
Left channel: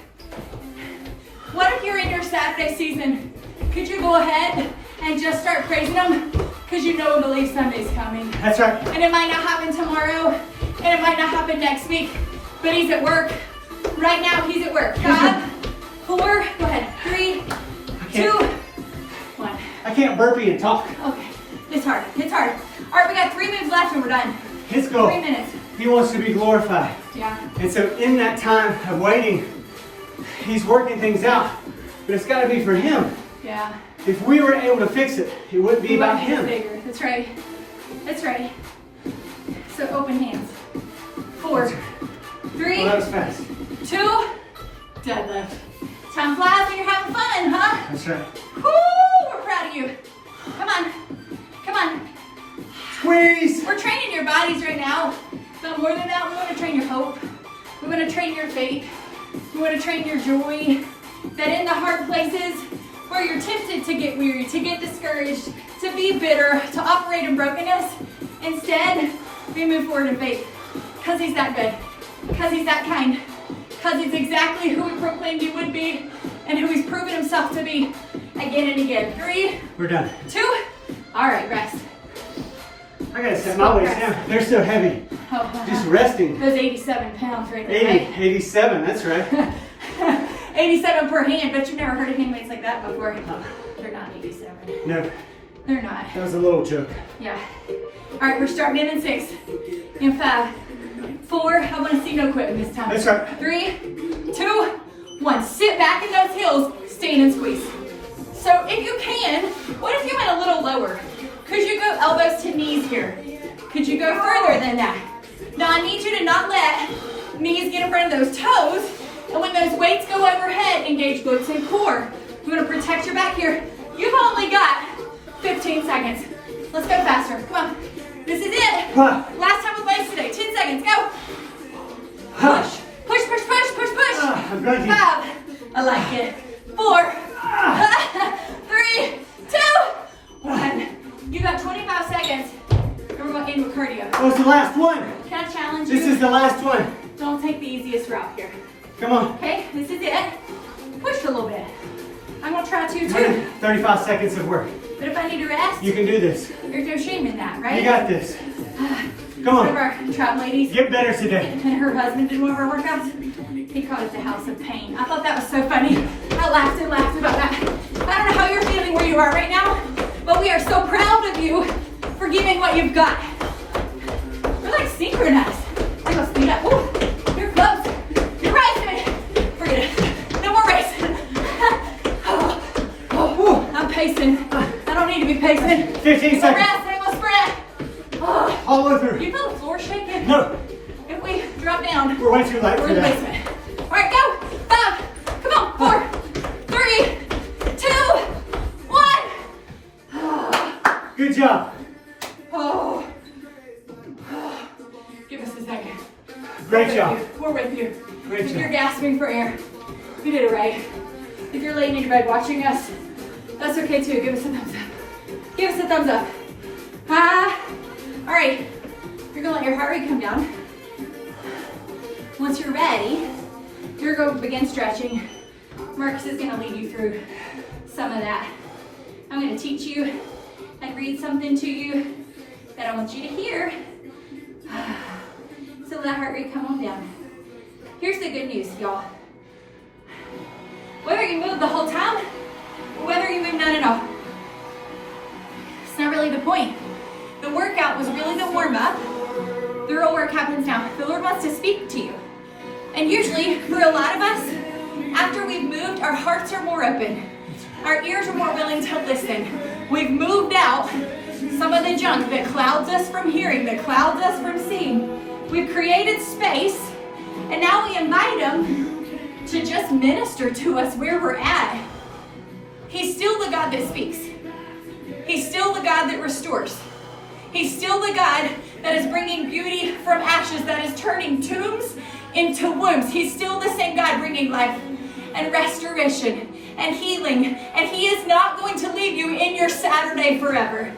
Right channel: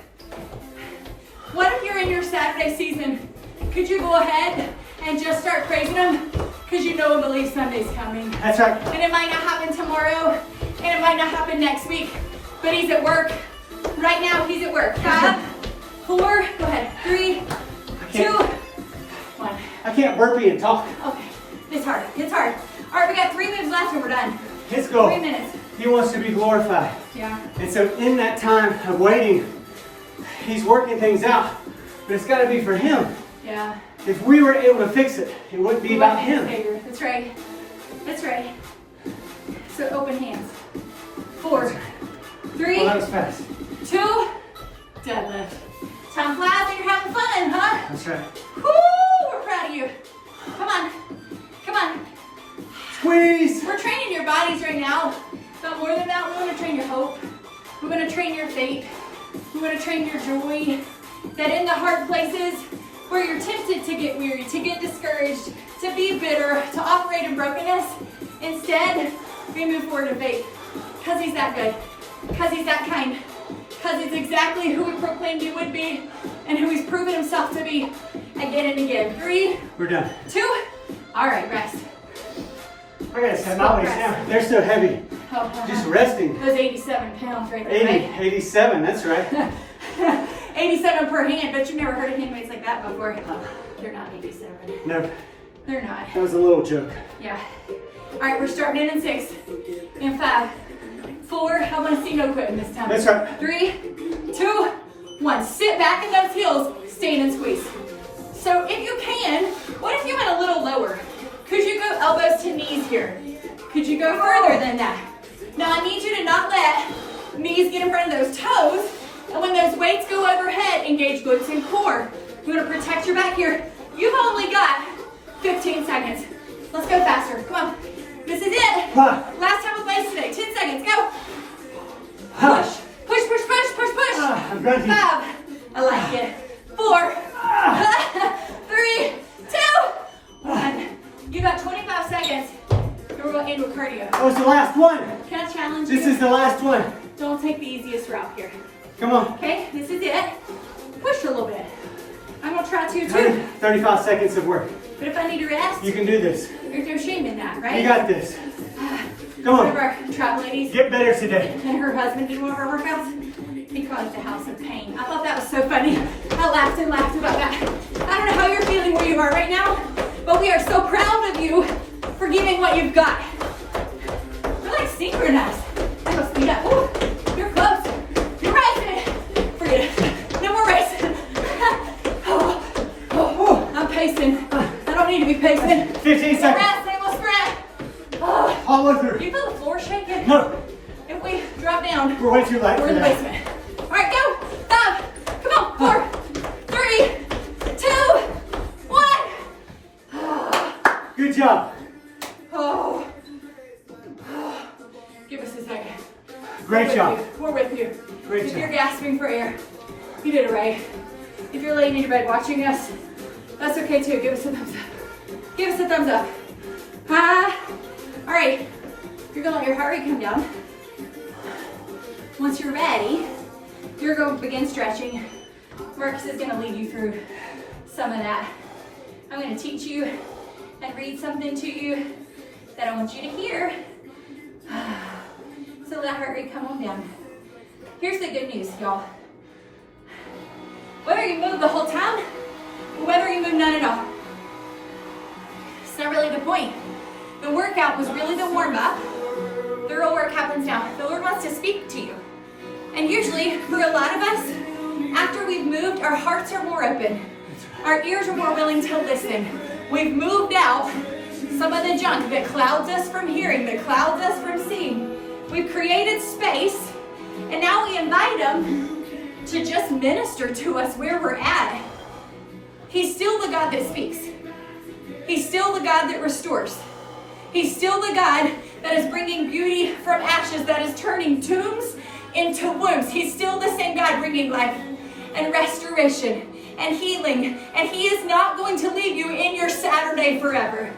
What if you're in your Saturday season? Could you go ahead and just start praising him? Because you know and believe Sunday's coming. That's right. And it might not happen tomorrow, and it might not happen next week, but he's at work. Right now, he's at work. 5, 4, go ahead. 3, 2, 1. I can't burpee and talk. Okay, it's hard. It's hard. All right, we got 3 moves left and we're done. His goal. 3 minutes. He wants to be glorified. Yeah. And so in that time of waiting, he's working things out. But it's got to be for him. Yeah. If we were able to fix it, it wouldn't be about One hand's him. bigger. That's right. That's right. So open hands. 4, 3, Well, that was fast. 2, deadlift. Time flies when you're having fun, huh? That's right. Woo! We're proud of you. Come on. Come on. Squeeze. We're training your bodies right now, but more more than that, we want to train your hope. We want to train your faith. We want to train your joy. That in the hard places where you're tempted to get weary, to get discouraged, to be bitter, to operate in brokenness, instead, we move forward in faith. Because he's that good. Because he's that kind. Because he's exactly who he proclaimed he would be and who he's proven himself to be again and again. 3. We're done. 2. All right, rest. I gotta set my weights down. They're so heavy. Just resting. Those 87 pounds right there. 80, 87, that's right. 87 per hand, but you've never heard of hand weights like that before. They're not 87. No. They're not. That was a little joke. Yeah. All right, we're starting in 6. In 5, 4. I want to see no quitting this time. That's right. 3, 2, 1. Sit back in those heels, stand and squeeze. So if you can, what if you went a little lower? Could you go elbows to knees here? Could you go further than that? Now I need you to not let knees get in front of those toes. And when those weights go overhead, engage glutes and core. You want to protect your back here. You've only got 15 seconds. Let's go faster. Come on. This is it. Last time with legs today. 10 seconds. Go. Push. Push, push, push, push, push. 5. I like it. 4. 3, 2, 1. You got 25 seconds. We're going to end with cardio. That was the last one. Can I challenge you? This is the last one. Don't take the easiest route here. Come on. Okay, this is it. Push a little bit. I'm going to try to too. 35 seconds of work. But if I need to rest, You can do this. there's no shame in that, right? You got this. Come One of on. our trap ladies Get better today. and her husband did one of our workouts. He called it the house of pain. I thought that was so funny. I laughed and laughed about that. I don't know how you're feeling where you are right now, but we are so proud of you for giving what you've got. We're like synchronized. I'm going to speed up. Ooh, you're close. You're racing. Forget it. No more racing. I'm pacing. I don't need to be pacing. 15 No seconds. rest, I will sprint. Oh. All the way through. You feel the floor shaking? No. If we drop down, We're way too light we're for in the that. basement. All right, go. 5. Come on. 4, 3, 2, 1. Good job. Oh. Give us a second. Great job. We're with you. Great If job. you're gasping for air, you did it right. If you're laying in your bed watching us, that's okay too. Give us a thumbs up. Give us a thumbs up. All right. You're gonna let your heart rate come down. Once you're ready, you're going to begin stretching. Marcus is gonna lead you through some of that. I'm gonna teach you and read something to you that I want you to hear. So let that heart rate come on down. Here's the good news, y'all. Whether you move the whole time, or whether you move none at all, it's not really the point. The workout was really the warm-up. The real work happens now. The Lord wants to speak to you. And usually, for a lot of us, after we've moved, our hearts are more open. Our ears are more willing to listen. We've moved out some of the junk that clouds us from hearing, that clouds us from seeing. We've created space, and now we invite Him to just minister to us where we're at. He's still the God that speaks. He's still the God that restores. He's still the God that is bringing beauty from ashes, that is turning tombs into wombs. He's still the same God bringing life and restoration and healing. And He is not going to leave you in your Saturday forever.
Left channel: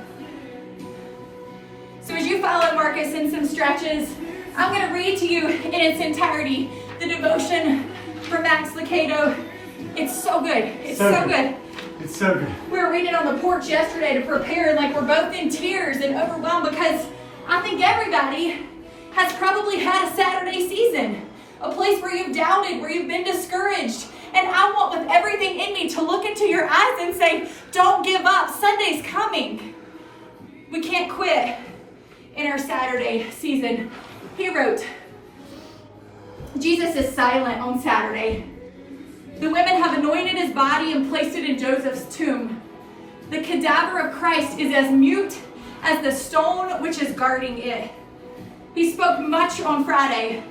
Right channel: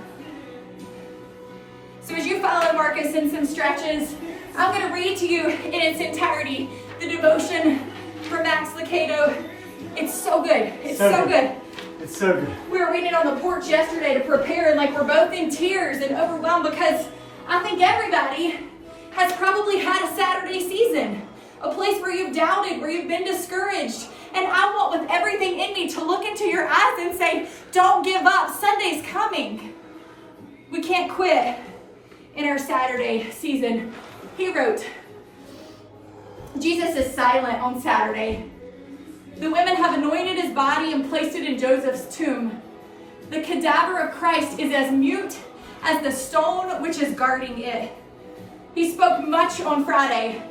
So as you follow Marcus in some stretches, I'm going to read to you in its entirety the devotion from Max Lucado. It's so good. It's so good. It's so good. We were reading on the porch yesterday to prepare, and like we're both in tears and overwhelmed because I think everybody has probably had a Saturday season, a place where you've doubted, where you've been discouraged. And I want with everything in me to look into your eyes and say, don't give up. Sunday's coming. We can't quit in our Saturday season. He wrote, Jesus is silent on Saturday. The women have anointed His body and placed it in Joseph's tomb. The cadaver of Christ is as mute as the stone which is guarding it. He spoke much on Friday.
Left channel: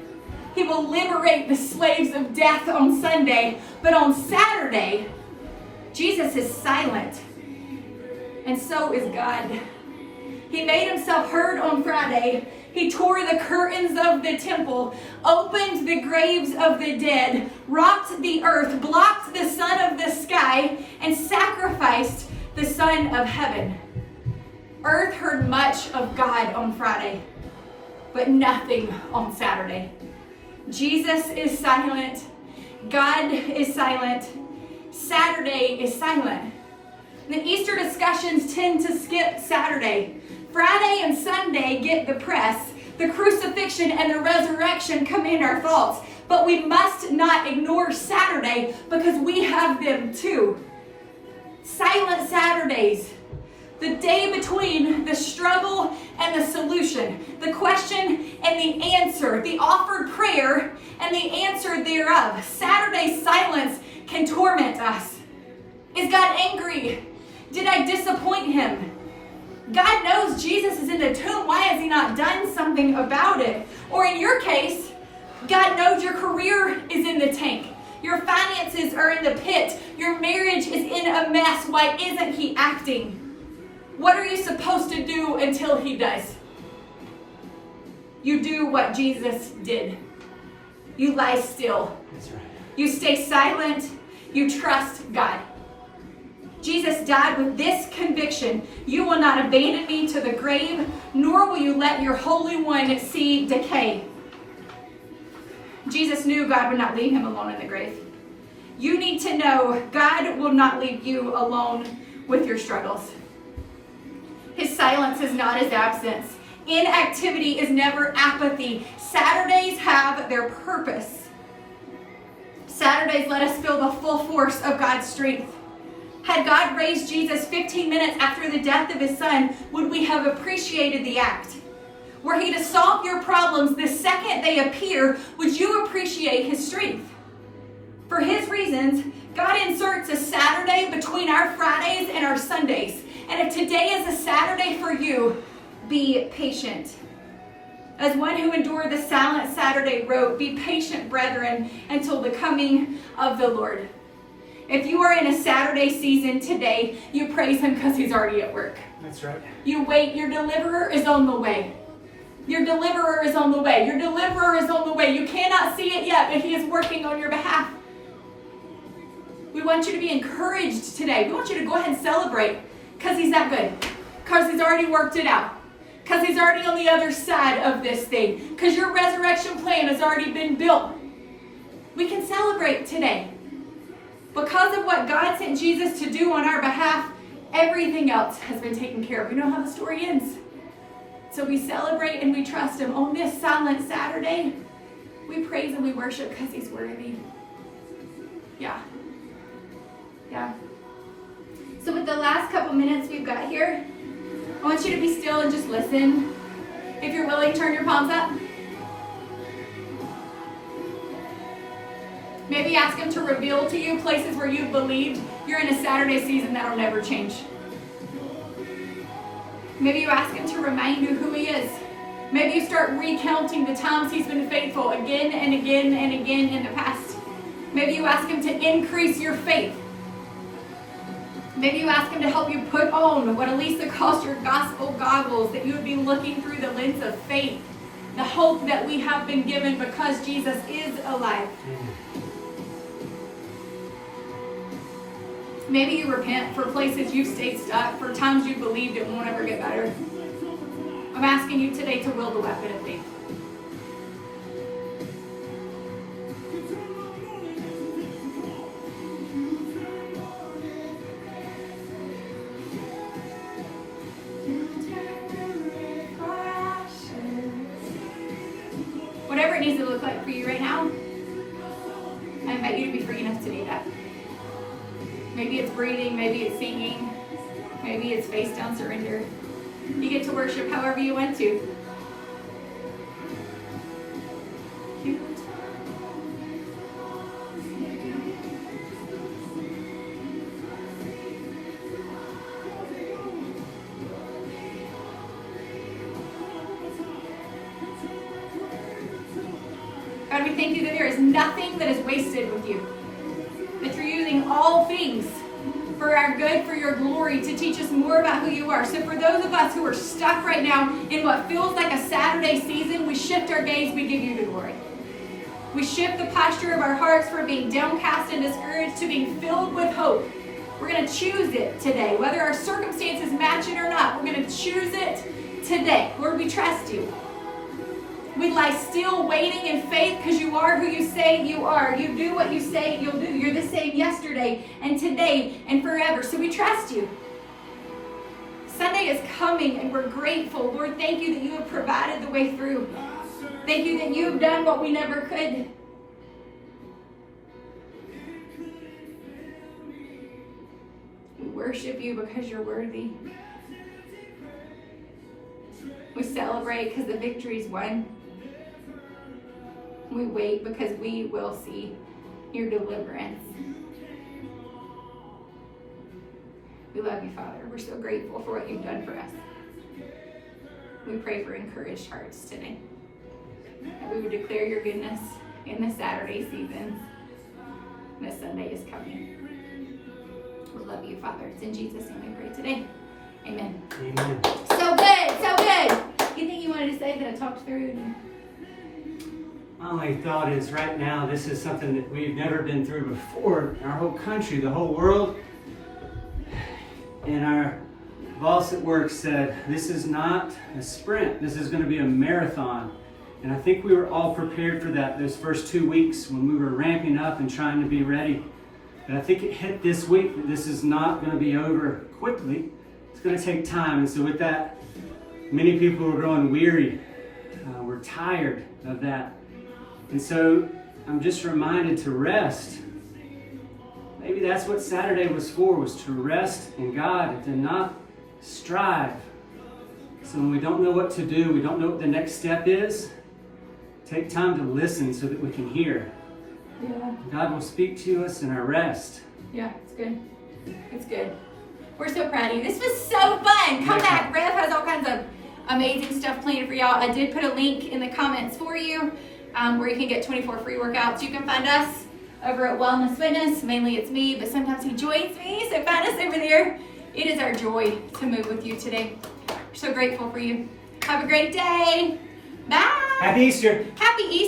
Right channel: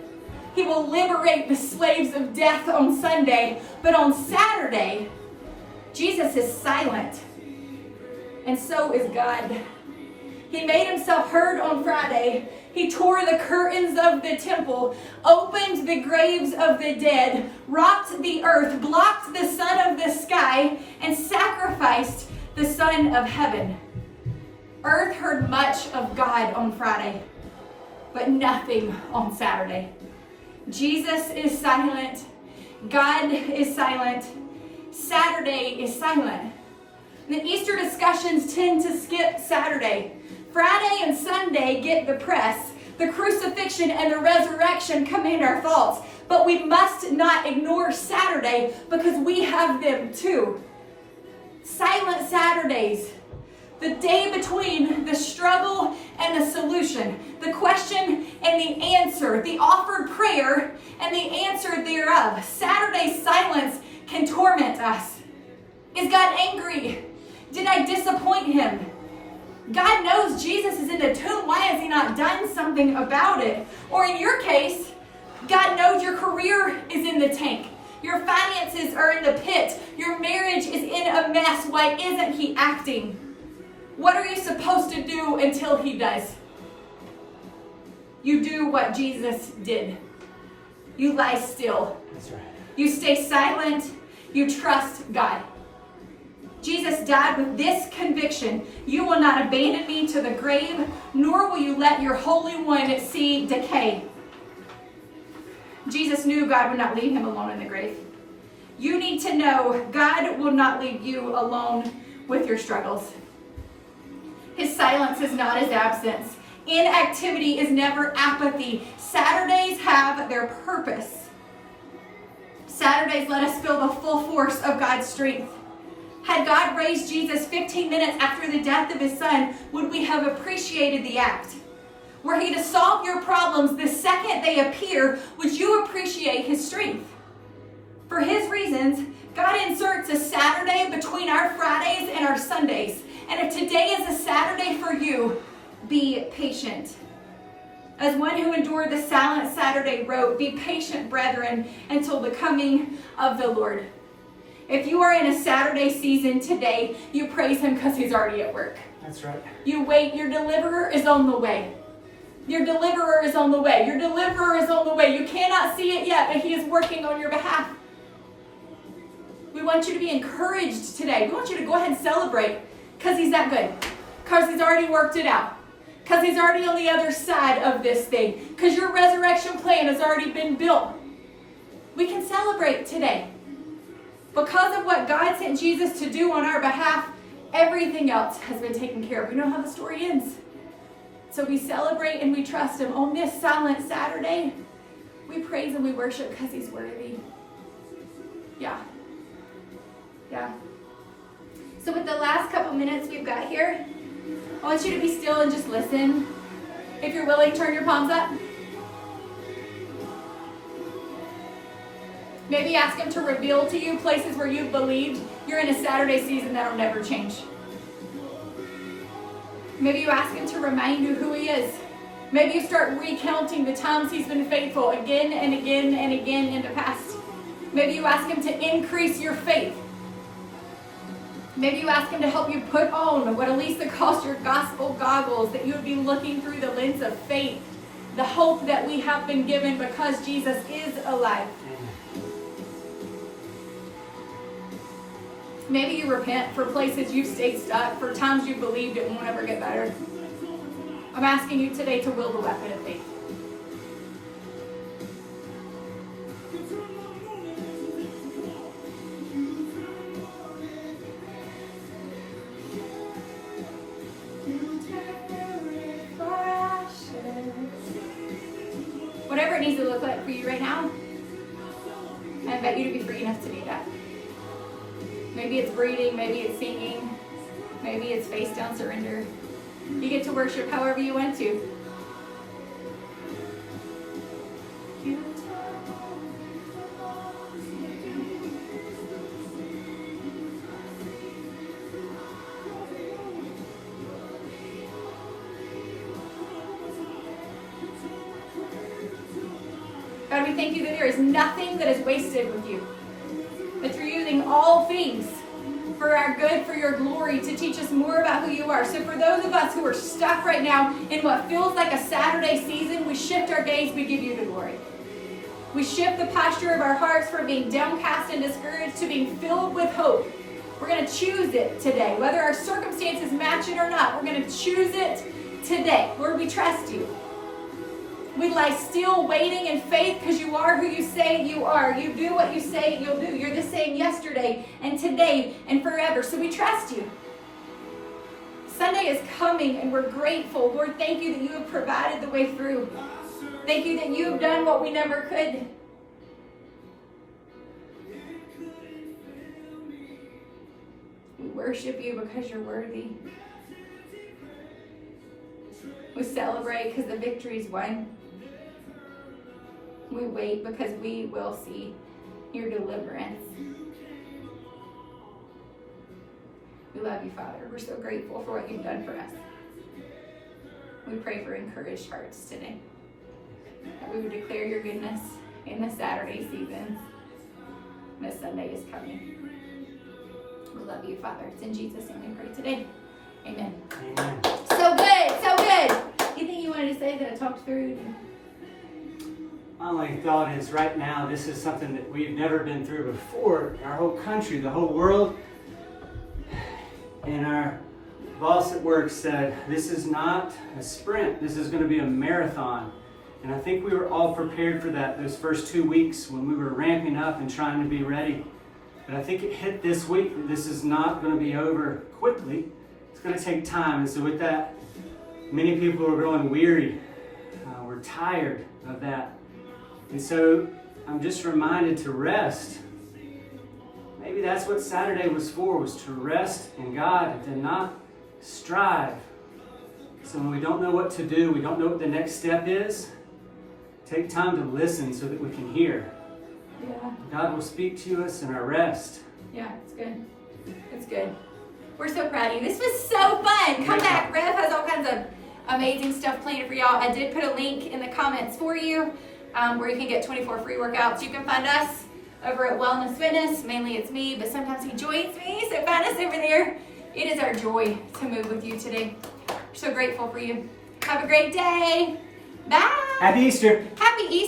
He will liberate the slaves of death on Sunday. But on Saturday, Jesus is silent. And so is God. He made Himself heard on Friday. He He tore the curtains of the temple, opened the graves of the dead, rocked the earth, blocked the sun of the sky, and sacrificed the Son of heaven. Earth heard much of God on Friday, but nothing on Saturday. Jesus is silent. God is silent. Saturday is silent. The Easter discussions tend to skip Saturday. Friday and Sunday get the press. The crucifixion and the resurrection command our thoughts. But we must not ignore Saturday because we have them too. Silent Saturdays. The day between the struggle and the solution. The question and the answer. The offered prayer and the answer thereof. Saturday's silence can torment us. Is God angry? Did I disappoint him? God knows Jesus is in the tomb. Why has he not done something about it? Or in your case, God knows your career is in the tank. Your finances are in the pit. Your marriage is in a mess. Why isn't he acting? What are you supposed to do until he does? You do what Jesus did. You lie still. That's right. You stay silent. You trust God. Jesus died with this conviction: you will not abandon me to the grave, nor will you let your Holy One see decay. Jesus knew God would not leave him alone in the grave. You need to know God will not leave you alone with your struggles. His silence is not his absence. Inactivity is never apathy. Saturdays have their purpose. Saturdays let us feel the full force of God's strength. Had God raised Jesus 15 minutes after the death of his son, would we have appreciated the act? Were he to solve your problems the second they appear, would you appreciate his strength? For his reasons, God inserts a Saturday between our Fridays and our Sundays. And if today is a Saturday for you, be patient. As one who endured the silent Saturday wrote, "Be patient, brethren, until the coming of the Lord." If you are in a Saturday season today, you praise him because he's already at work. That's right. You wait, your deliverer is on the way. Your deliverer is on the way. Your deliverer is on the way. You cannot see it yet, but he is working on your behalf. We want you to be encouraged today. We want you to go ahead and celebrate because he's that good. Because he's already worked it out. Because he's already on the other side of this thing. Because your resurrection plan has already been built. We can celebrate today. Because of what God sent Jesus to do on our behalf, everything else has been taken care of. You know how the story ends. So we celebrate and we trust him. On this silent Saturday, we praise and we worship because he's worthy. Yeah. So with the last couple minutes we've got here, I want you to be still and just listen. If you're willing, turn your palms up. Maybe ask him to reveal to you places where you've believed you're in a Saturday season that'll never change. Maybe you ask him to remind you who he is. Maybe you start recounting the times he's been faithful again and again and again in the past. Maybe you ask him to increase your faith. Maybe you ask him to help you put on what Elisa calls your gospel goggles, that you would be looking through the lens of faith, the hope that we have been given because Jesus is alive. Maybe you repent for places you've stayed stuck, for times you believed it won't ever get better. I'm asking you today to wield the weapon of faith. Whatever it needs to look like for you right now, I invite you to be free enough to do that. Maybe it's breathing, maybe it's singing, maybe it's face down surrender. You get to worship however you want to. God, we thank you that there is nothing that is wasted with you. That you're using all things for our good, for your glory, to teach us more about who you are. So for those of us who are stuck right now in what feels like a Saturday season, we shift our gaze, we give you the glory. We shift the posture of our hearts from being downcast and discouraged to being filled with hope. We're going to choose it today. Whether our circumstances match it or not, we're going to choose it today. Lord, we trust you. We lie still waiting in faith because you are who you say you are. You do what you say you'll do. You're the same yesterday and today and forever. So we trust you. Sunday is coming and we're grateful. Lord, thank you that you have provided the way through. Thank you that you have done what we never could. We worship you because you're worthy. We celebrate because the victory's won. We wait because we will see your deliverance. We love you, Father. We're so grateful for what you've done for us. We pray for encouraged hearts today. That we would declare your goodness in the Saturday seasons. This Sunday is coming. We love you, Father. It's in Jesus' name we pray today. Amen. Amen. So good, so good. Anything you wanted to say that I talked through? My only thought is right now, this is something that we've never been through before in our whole country, the whole world. And our boss at work said, this is not a sprint. This is going to be a marathon. And I think we were all prepared for that those first 2 weeks when we were ramping up and trying to be ready. But I think it hit this week that this is not going to be over quickly. It's going to take time. And so with that, many people are growing weary. We're tired of that. And so I'm just reminded to rest. Maybe that's what Saturday was for, was to rest in God and to not strive. So when we don't know what to do, we don't know what the next step is, take time to listen so that we can hear. Yeah. God will speak to us in our rest. Yeah, it's good. It's good. We're so proud of you. This was so fun. Come back. Rev has all kinds of amazing stuff planned for y'all. I did put a link in the comments for you where you can get 24 free workouts. You can find us over at Wellness Fitness. Mainly it's me, but sometimes he joins me. So find us over there. It is our joy to move with you today. We're so grateful for you. Have a great day. Bye. Happy Easter. Happy Easter.